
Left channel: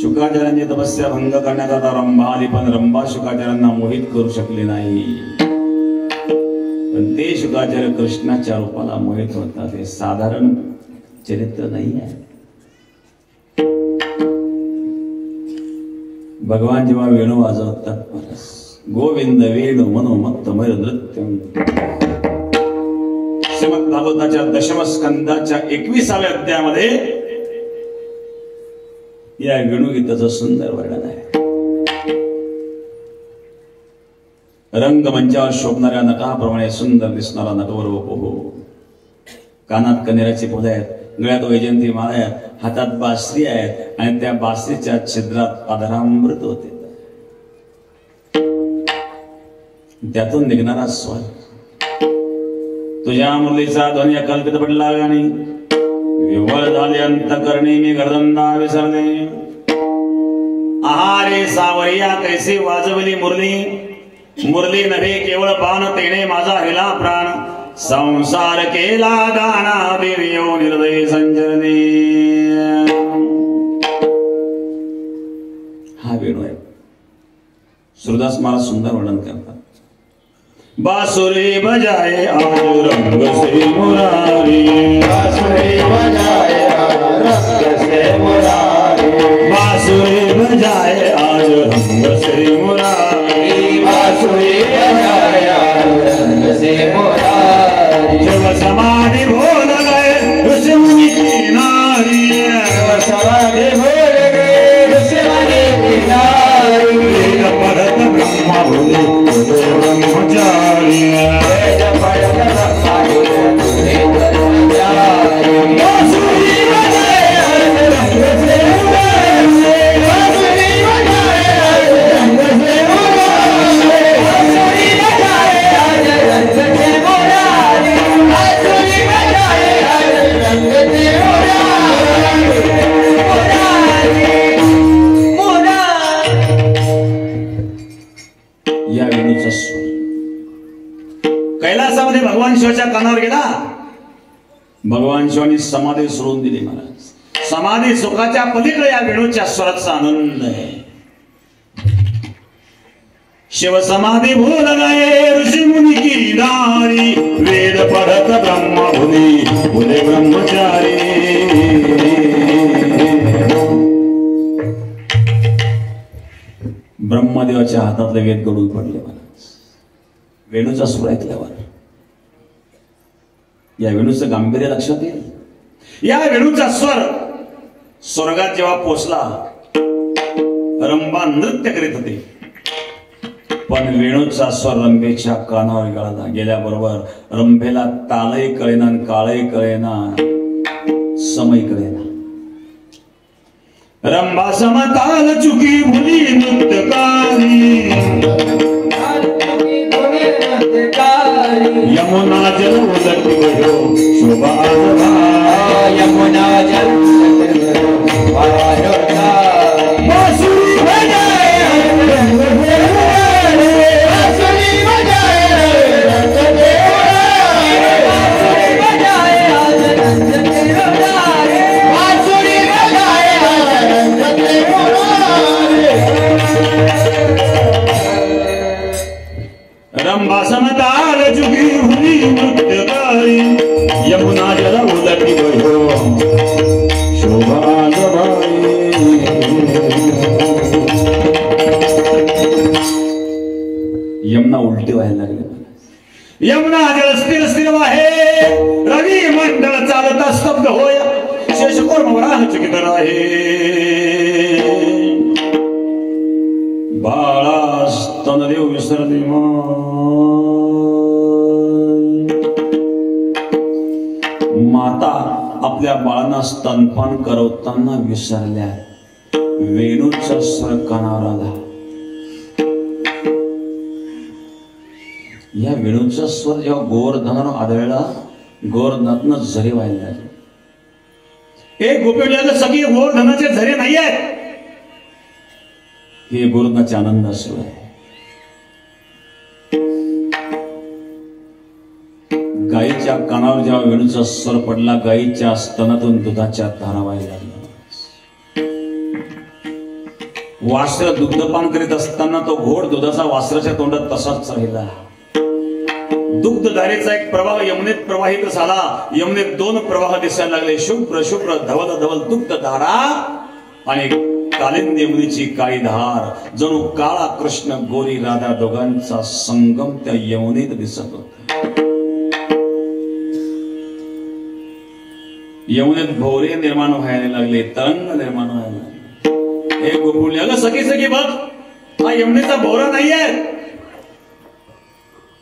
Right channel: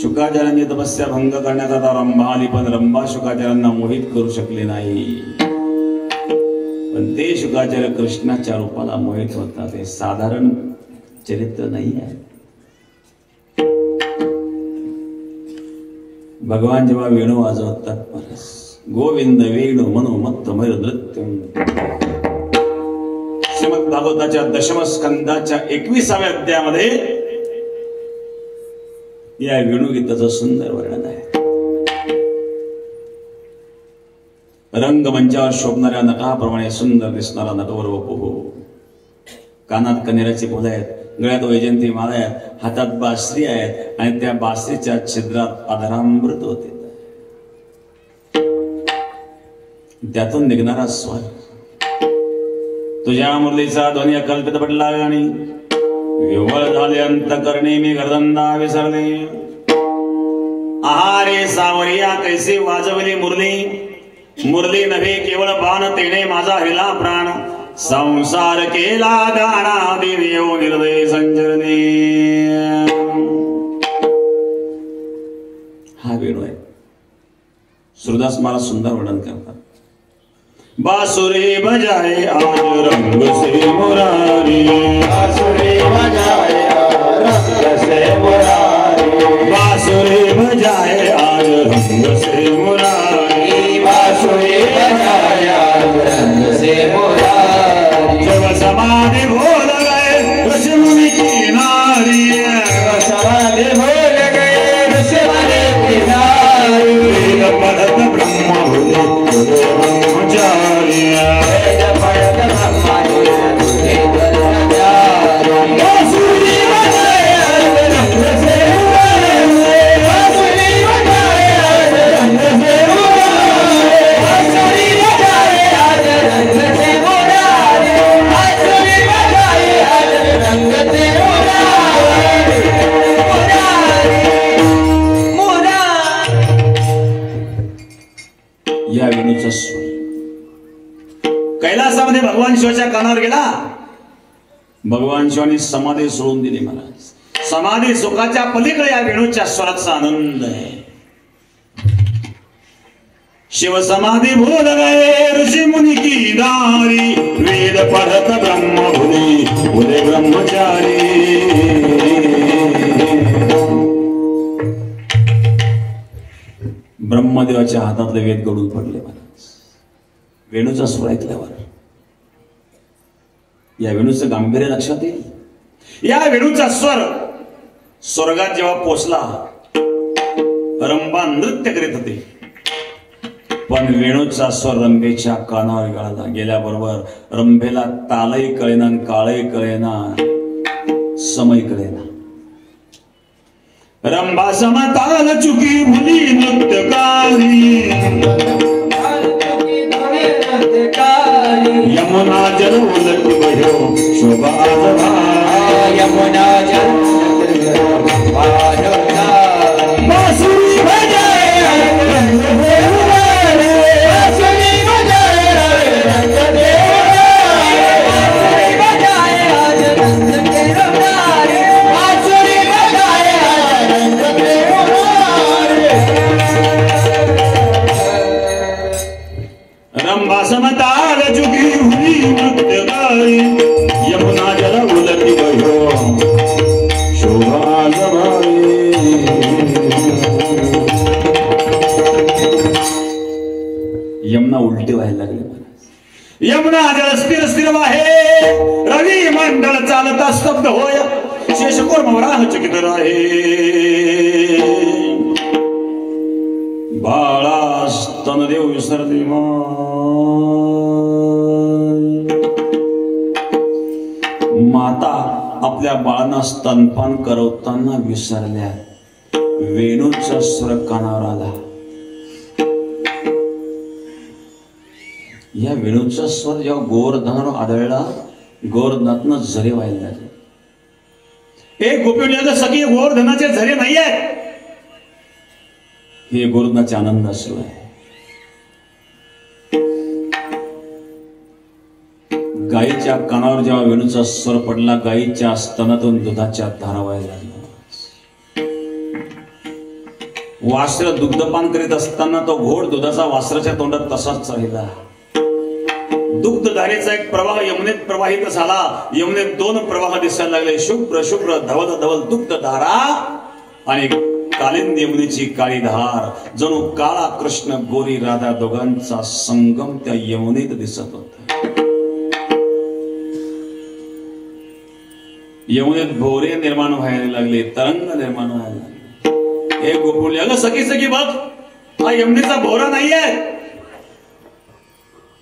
शुकाचार्यांनी तपस्या भंग करण्यात आता रंभा आली पण रंभा शुकाचार्यांना मोहित करू शकली नाही. पण ते शुकाचार्य कृष्णाच्या रूपाला मोहित होतात. हे साधारण चरित्र नाही आहे. भगवान जेव्हा वेणू वाजवतात गोविंद वेणू मनोमत्त मय नृत्य. श्रीमद भागवताच्या दशम स्कंदाच्या 21व्या अध्यायामध्ये या वेणुगीताचं सुंदर वर्णन आहे. रंगमंचावर शोभणाऱ्या नटाप्रमाणे सुंदर दिसणारा नटवर वपू. कानात कनेराची फुलं आहेत, गळ्यात वैजयंती माळा आहेत, हातात बासरी आहेत आणि त्या बासरीच्या छिद्रात अधरामृत होते. त्यातून निघणारा स्वर तुझ्या मुरलीचा ध्वनी अकल्पित पडला आणि विवळ झाले अंतकरणे मी गर्दंदा विसरले. आहारे सावरिया कैसी वाजवली मुरली. मुरली नव्हे केवळ बाण तेने माझा हिला प्राण. संसार केला दाना देवियो निर्दय संजरणे. हा वेणू आहे. सुरदास महाराज सुंदर वर्णन करतात. बासुरी बजाए आज रंग से मुरारी. बासुरी बजाए आज रंग से मुरारी. बासुरी बजाए आज रंग से मुरारी. बासुरी बजाए आज रंग से मुरारी. जब समाधि भूल गए ऋषि मुनि की नारी. जब समाधि भूल गए ऋषि मुनि की नारी. वेद पढ़त ब्रह्म भूले ब्रह्मचारी. या वेणूचा स्वर कैलासामध्ये भगवान शिवाच्या कानावर गेला. भगवान शिवानी समाधी सोडून दिली. महाराज समाधी सुखाच्या पलीकडे या वेणूच्या स्वराचा आनंद आहे. शिव समाधी भूल गए ऋषि मुनि की नारी. वेद पढ़त ब्रह्म भूले ब्रह्मचारी. ब्रह्मदेवाच्या हातातले वेद गळून पडले. वेणूचा स्वर ऐकल्यावर या वेणूचं गांभीर्य लक्षात येईल. या वेणूचा स्वर स्वर्गात जेव्हा पोचला रंभा नृत्य करीत होते. पण वेणूचा स्वर रंभेच्या कानावर गेल्याबरोबर रंभेला तालही कळेना काळही कळेना समय कळेना. रंभा समताल चुकी भुली नृत्यकारी. यमुना जल उलट गयो शोभा. यमुना जल बांसुरी बजाए बांसुरी बजाए बांसुरी बजाए उलटी व्हायला लागली. यमुना स्थिर स्थिर वाहे, रवी मंडळ चालता स्तब्ध होय, शेषकोर मोरा चकित राहे. बाळा स्तनदेव विसरली माता आपल्या बाळांना स्तनपान करवताना विसरल्या. वेणूचा स्वर कानावर आला. या वेणूचा स्वर जेव्हा गोवर्धनावर आढळला, गोवर्धनातनं झरे व्हायला लागले. एक गोपिकाला सगळे गोवर्धनाचे झरे नाही आहेत, हे गोवर्धनाचे आनंद असलो आहे. गायीच्या कानावर जेव्हा वेणूचा स्वर पडला, गायीच्या स्तनातून दुधाच्या धारा व्हायला लागल्या. वासर दुग्धपान करीत असताना तो घोड दुधाचा वासराच्या तोंडात तसाच राहिला. दुग्धधारेचा एक प्रवाह यमुनेत प्रवाहित झाला. यमुनेत दोन प्रवाह दिसायला लागले, शुभ्र शुभ्र धवल धवल दुग्धधारा आणि कालिंदी यमुनेची काळी धार. जणू काळा कृष्ण गोरी राधा दोघांचा संगम त्या यमुनेत दिसत होता. यमुनेत भोवरे निर्माण व्हायला लागले, तरंग निर्माण व्हायला लागले. एक गोकुळ्याला सगळी सगळी बघ, हा यमुनेचा भोवरा नाहीये,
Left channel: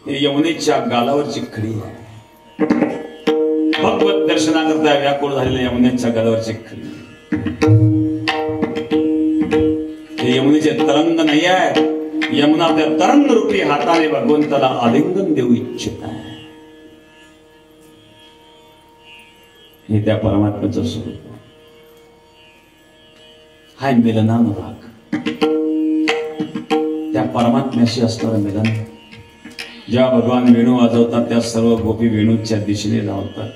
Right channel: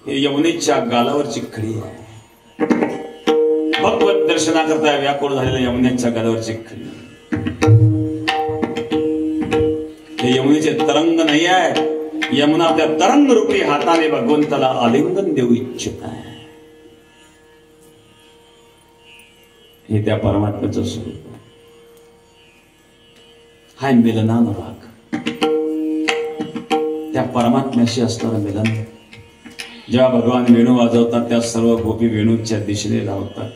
हे यमुनेच्या गालावरची खडी आहे. भगवत दर्शनाकरता व्याकुळ झालेल्या यमुनेच्या गालावरची खडी. हे यमुनेचे तरंग नाही आहे. यमुना त्या तरंग रूपी हाताने भगवंताला आलिंगन देऊ इच्छित आहे. हे त्या परमात्म्याचं स्वरूप. हा मिलनानुराग, त्या परमात्म्याशी असणारं मिलन. जेव्हा भगवान वेणू वाजवतात, त्या सर्व गोपी वेणूच्या दिशेने लावतात.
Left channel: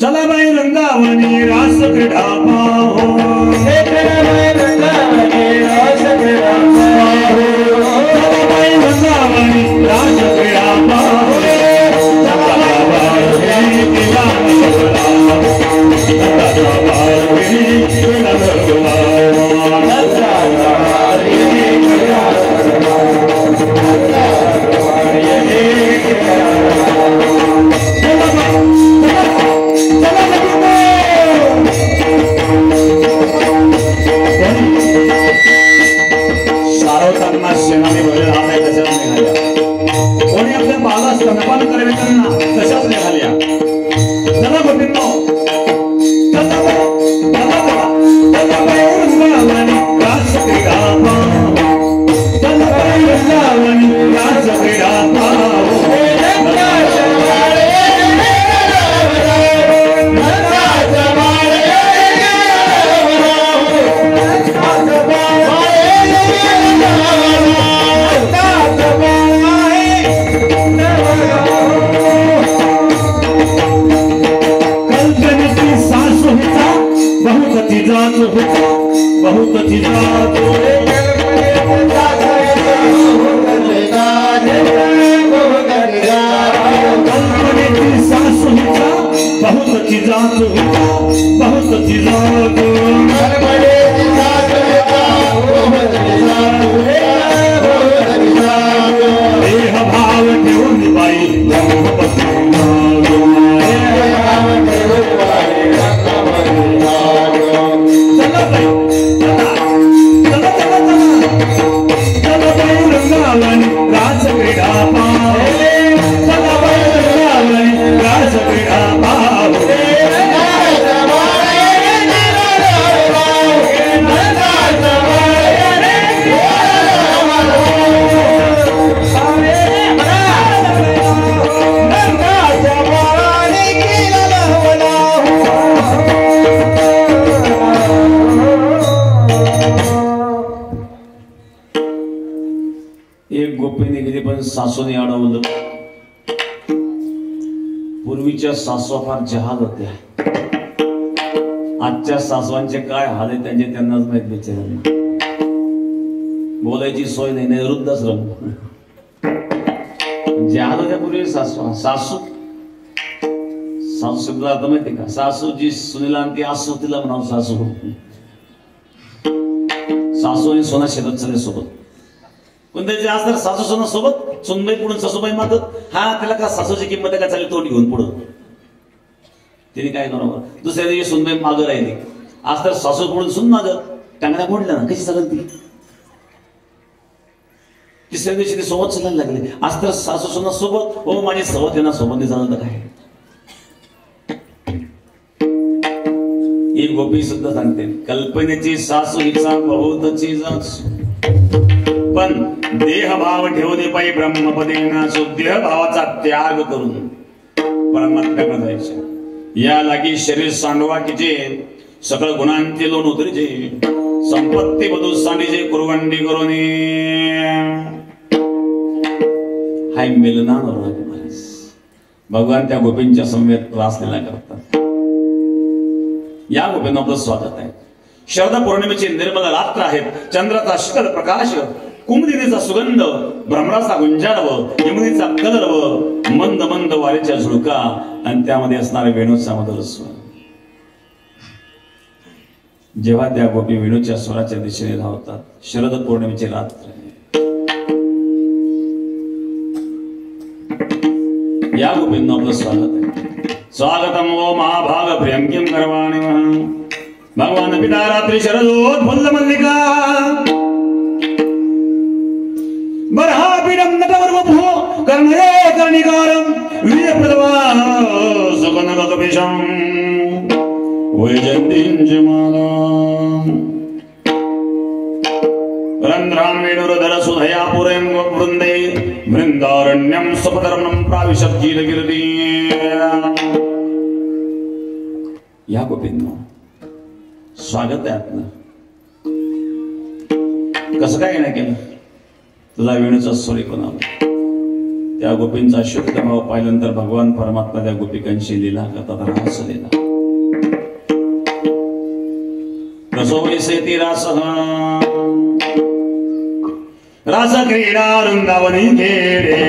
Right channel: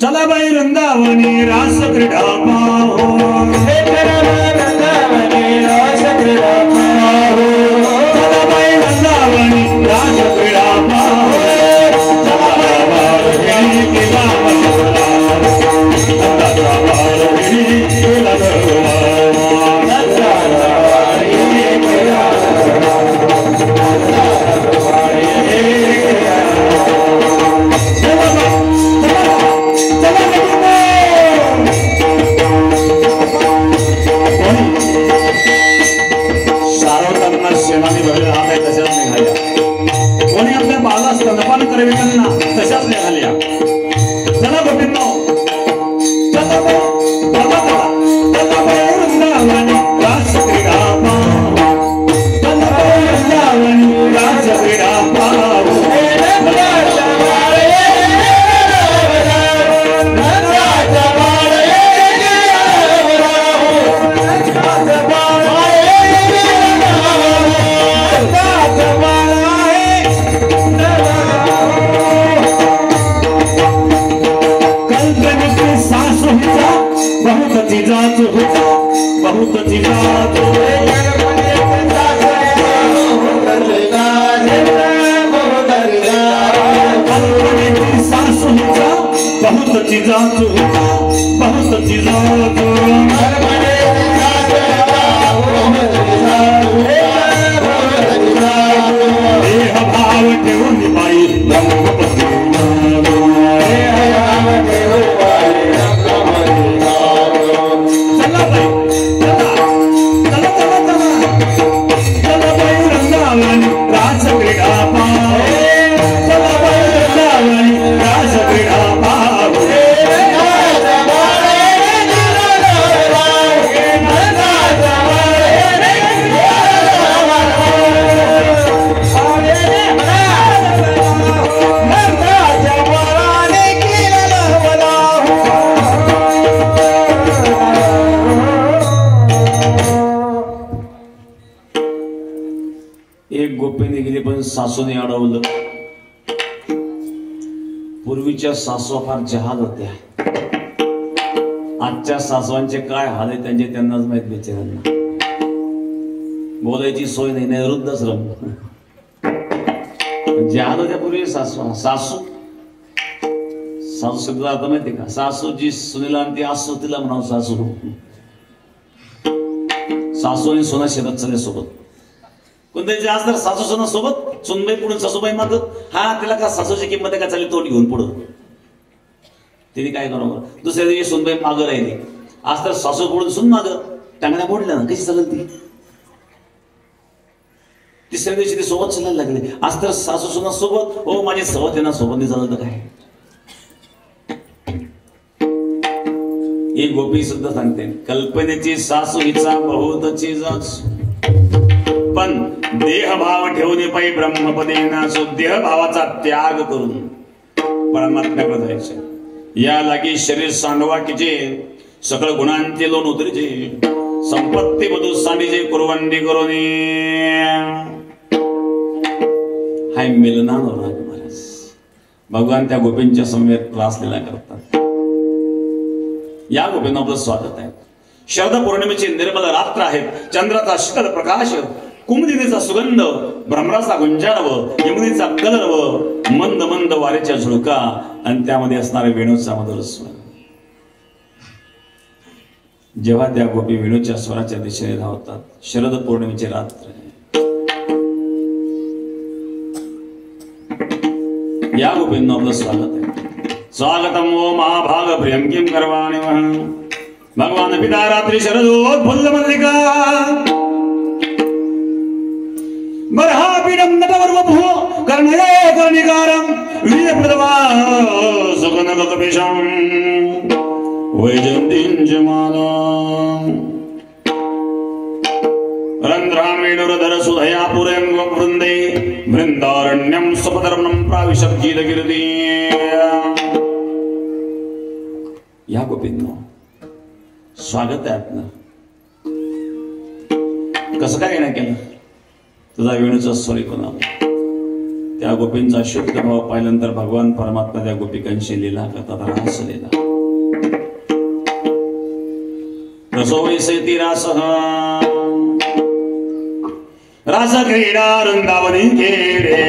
चला बाई वृंदावनी रास क्रीडा पाहो, रास क्रीडा पाहो. चला बाई वृंदावनी रास क्रीडा पाहो. सासूने अडवलं. पूर्वीच्या सासू फार जहाल होत्या. आजच्या सासवांचे काय हाल आहे त्यांचे त्यांनाच माहित. बिचाऱ्यांना बोलायची सोय नाही, वृद्धाश्रम. जहाल होत्या पूर्वी सासू. सासू शब्द आता माहिती का? सासू जी सुनेला आणि ती आसू तिला म्हणावं सासू. सासूने सोना शेतात चालले सोबत. पण त्याच्या आज तर सासू सुना सोबत सुनबाई पुढून सासूबाई माग हा त्याला का सासूची किंमत आहे का चालेल तोंड घेऊन पुढं तिने काय करावं. दुसऱ्या दिवशी सुनबाई मागं राहिली. आज तर सासू पुढून सुन माग टांगण्या मोडल्या ना कशी चालत ती. तिसऱ्या दिवशी ते सोबत चालायला लागले. आज तर सासू सुना सोबत हो माझी सोबत आहे ना सोबत नाही चालत काय. ही गोपी सुद्धा सांगते कल्पनेची सासू हिचा बहुतची सासू पण देहभाव ठेवणे पायी ब्रह्मपदेना देह भावाचा त्याग करून परमात्म्याकडे जायचं. या लागी शरीर सांडवा किजे सकळ गुणांचे लोण उतरजे संपत्ती बधू सांडीजे कुरवंडी करून हाय मिलना महाराज. भगवान त्या गोपींच्या समवेत त्रास दिला करतात. या गोपींना आपलं स्वागत आहे. शरद पौर्णिमेची निर्मल रात्र आहेत. चंद्राचा शीतल प्रकाश कुमुदिनीचा सुगंध भ्रमराचा गुंजारव यमुनेचा कलरव मंद मंद वारेच्या झुळका आणि त्यामध्ये असणारे वेणूचा मधुर स्वर. जेव्हा त्या गोपी वेणूच्या स्वराच्या दिशेने धावतात. शरद पौर्णिमेची रात्र या गोपींना आपलं स्वागत आहे. स्वागतम ओ महाभाग प्रियंकिम करवाणि भगवान पिता रात्रि शरदोद्फुल्ल मल्लिका बर्हापीडं नटवर्वभो कर्णये कर्णिकारं वीर्यप्रदवा सगुणगतविषं वैजयन्तीं जमानं रन्ध्रान् वेणुरधर सुधया पुरं गोवृन्दे वृन्दारण्यं सुपधर्मं प्राविशद्गीतगिरिति. या गोपींना स्वागत आहे आपलं. कसं काय येणं केलं तुझा वेणूचा स्वर ऐकून आला. त्या गोपींचा शुद्ध भाव पाहिल्यानंतर भगवान परमात्मा त्या गोपिकांशी लीला करतात. रास लीला रसो वैसेती रास रास क्रीडा वृंदावनी खेळे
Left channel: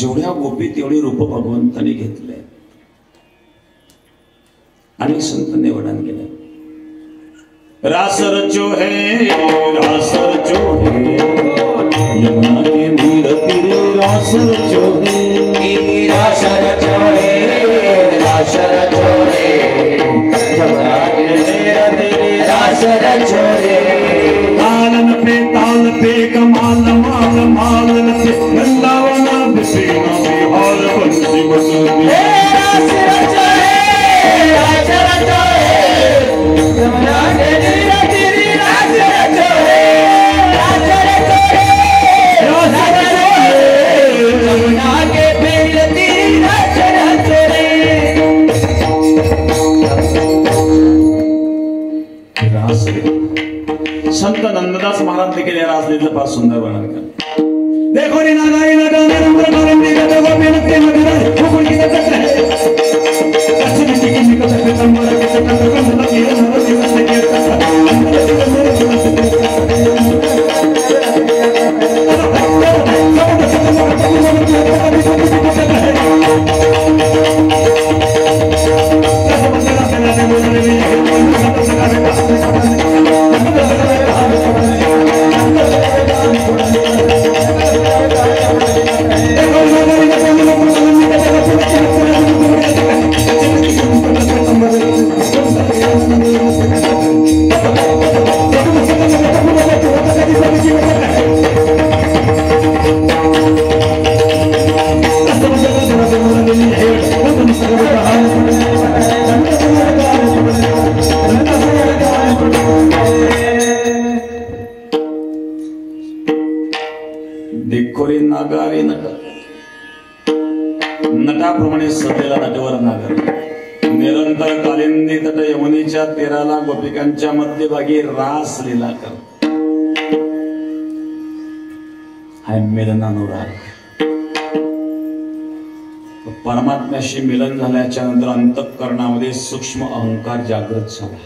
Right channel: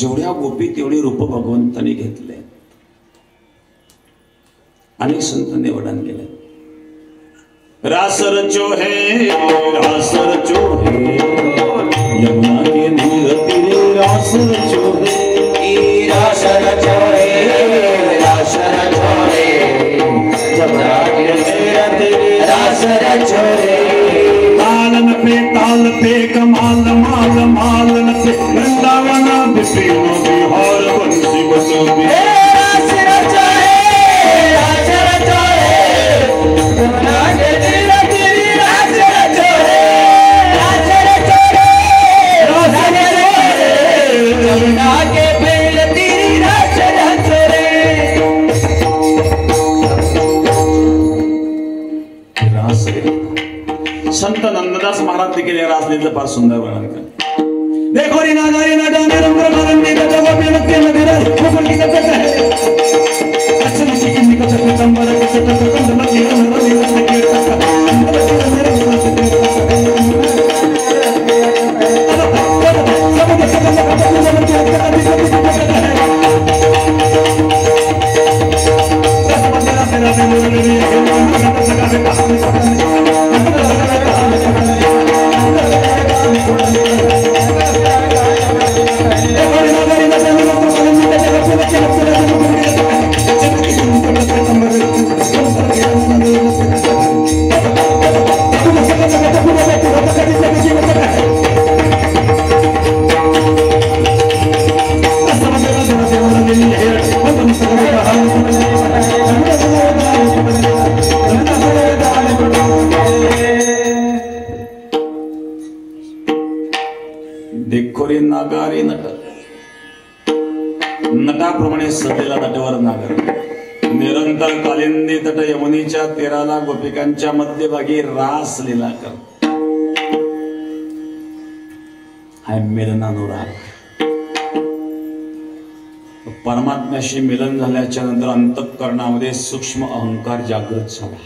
जेवढ्या गोपी तेवढे रूप भगवंतांनी घेतले. अनेक संतांनी वर्णन केले. रास रचो है रास रचो है यमुना के नील तीरे रास रचो है रास रचो है रास रचो है यमुना के नील तीरे रास रचो है ताल पे कमाल माल माल पे वृंदावन बिपिनो बिहार बंसी बसोबी रास रचो है रास रचो है यमुना के नील तीरे रास रचो है रास रचो है यमुना के नील तीरे रास रचो है रास संत नंददास महाराज देखील या रासलीलेचं फार सुंदर वर्णन करतात. देखो रे नागारी नटवणे रंगरंगी नटवा पेनके नगर कोकण की तक है अच्छे की किमी का तक तंबर के तक तक लगी नरदी से के तक नटवरी नागारी नट, नटाप्रमाणे सजलेला नटवर नागर, निरंतर कालिंदी तट यमुनीच्या तीराला गोपिकांच्या मध्यभागी रास लीला कर. हाय मिलनानुराग. परमात्म्याशी मिलन झाल्याच्या नंतर अंतःकरणामध्ये सूक्ष्म अहंकार जागृत झाला.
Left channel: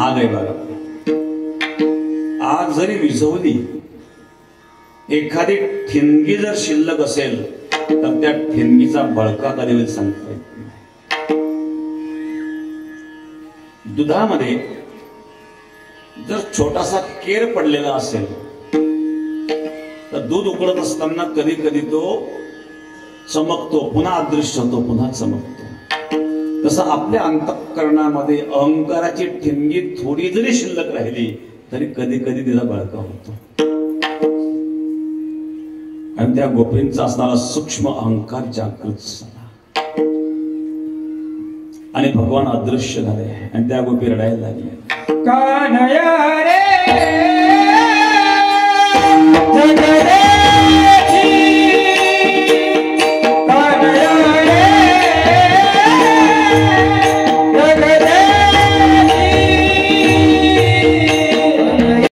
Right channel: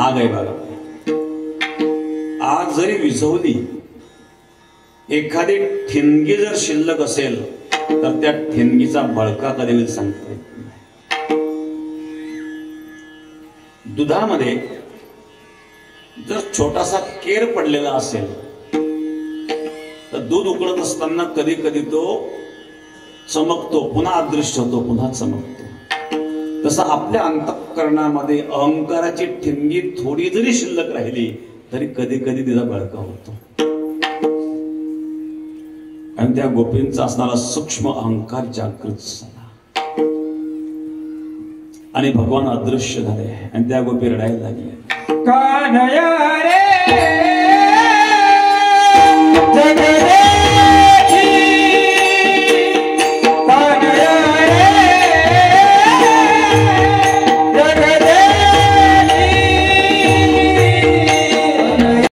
आग आहे बघा. आग जरी विझवली, एखादी ठिणगी जर शिल्लक असेल तर त्या ठिणगीचा बळका कधी होईल सांगता येत नाही. दुधामध्ये जर छोटासा केर पडलेला असेल तर दूध उकळत असताना कधी कधी तो चमकतो, पुन्हा अदृश्य होतो, पुन्हा चमकतो. तसं आपल्या अंतःकरणामध्ये अहंकाराची ठिणगी थोडी जरी शिल्लक राहिली तरी कधी कधी तिला बळका होतो. आणि त्या गोपींचा असणारा सूक्ष्म अहंकार जागृत झाला आणि भगवान अदृश्य झाले आणि त्या गोपी रडायला लागल्या. कानया रे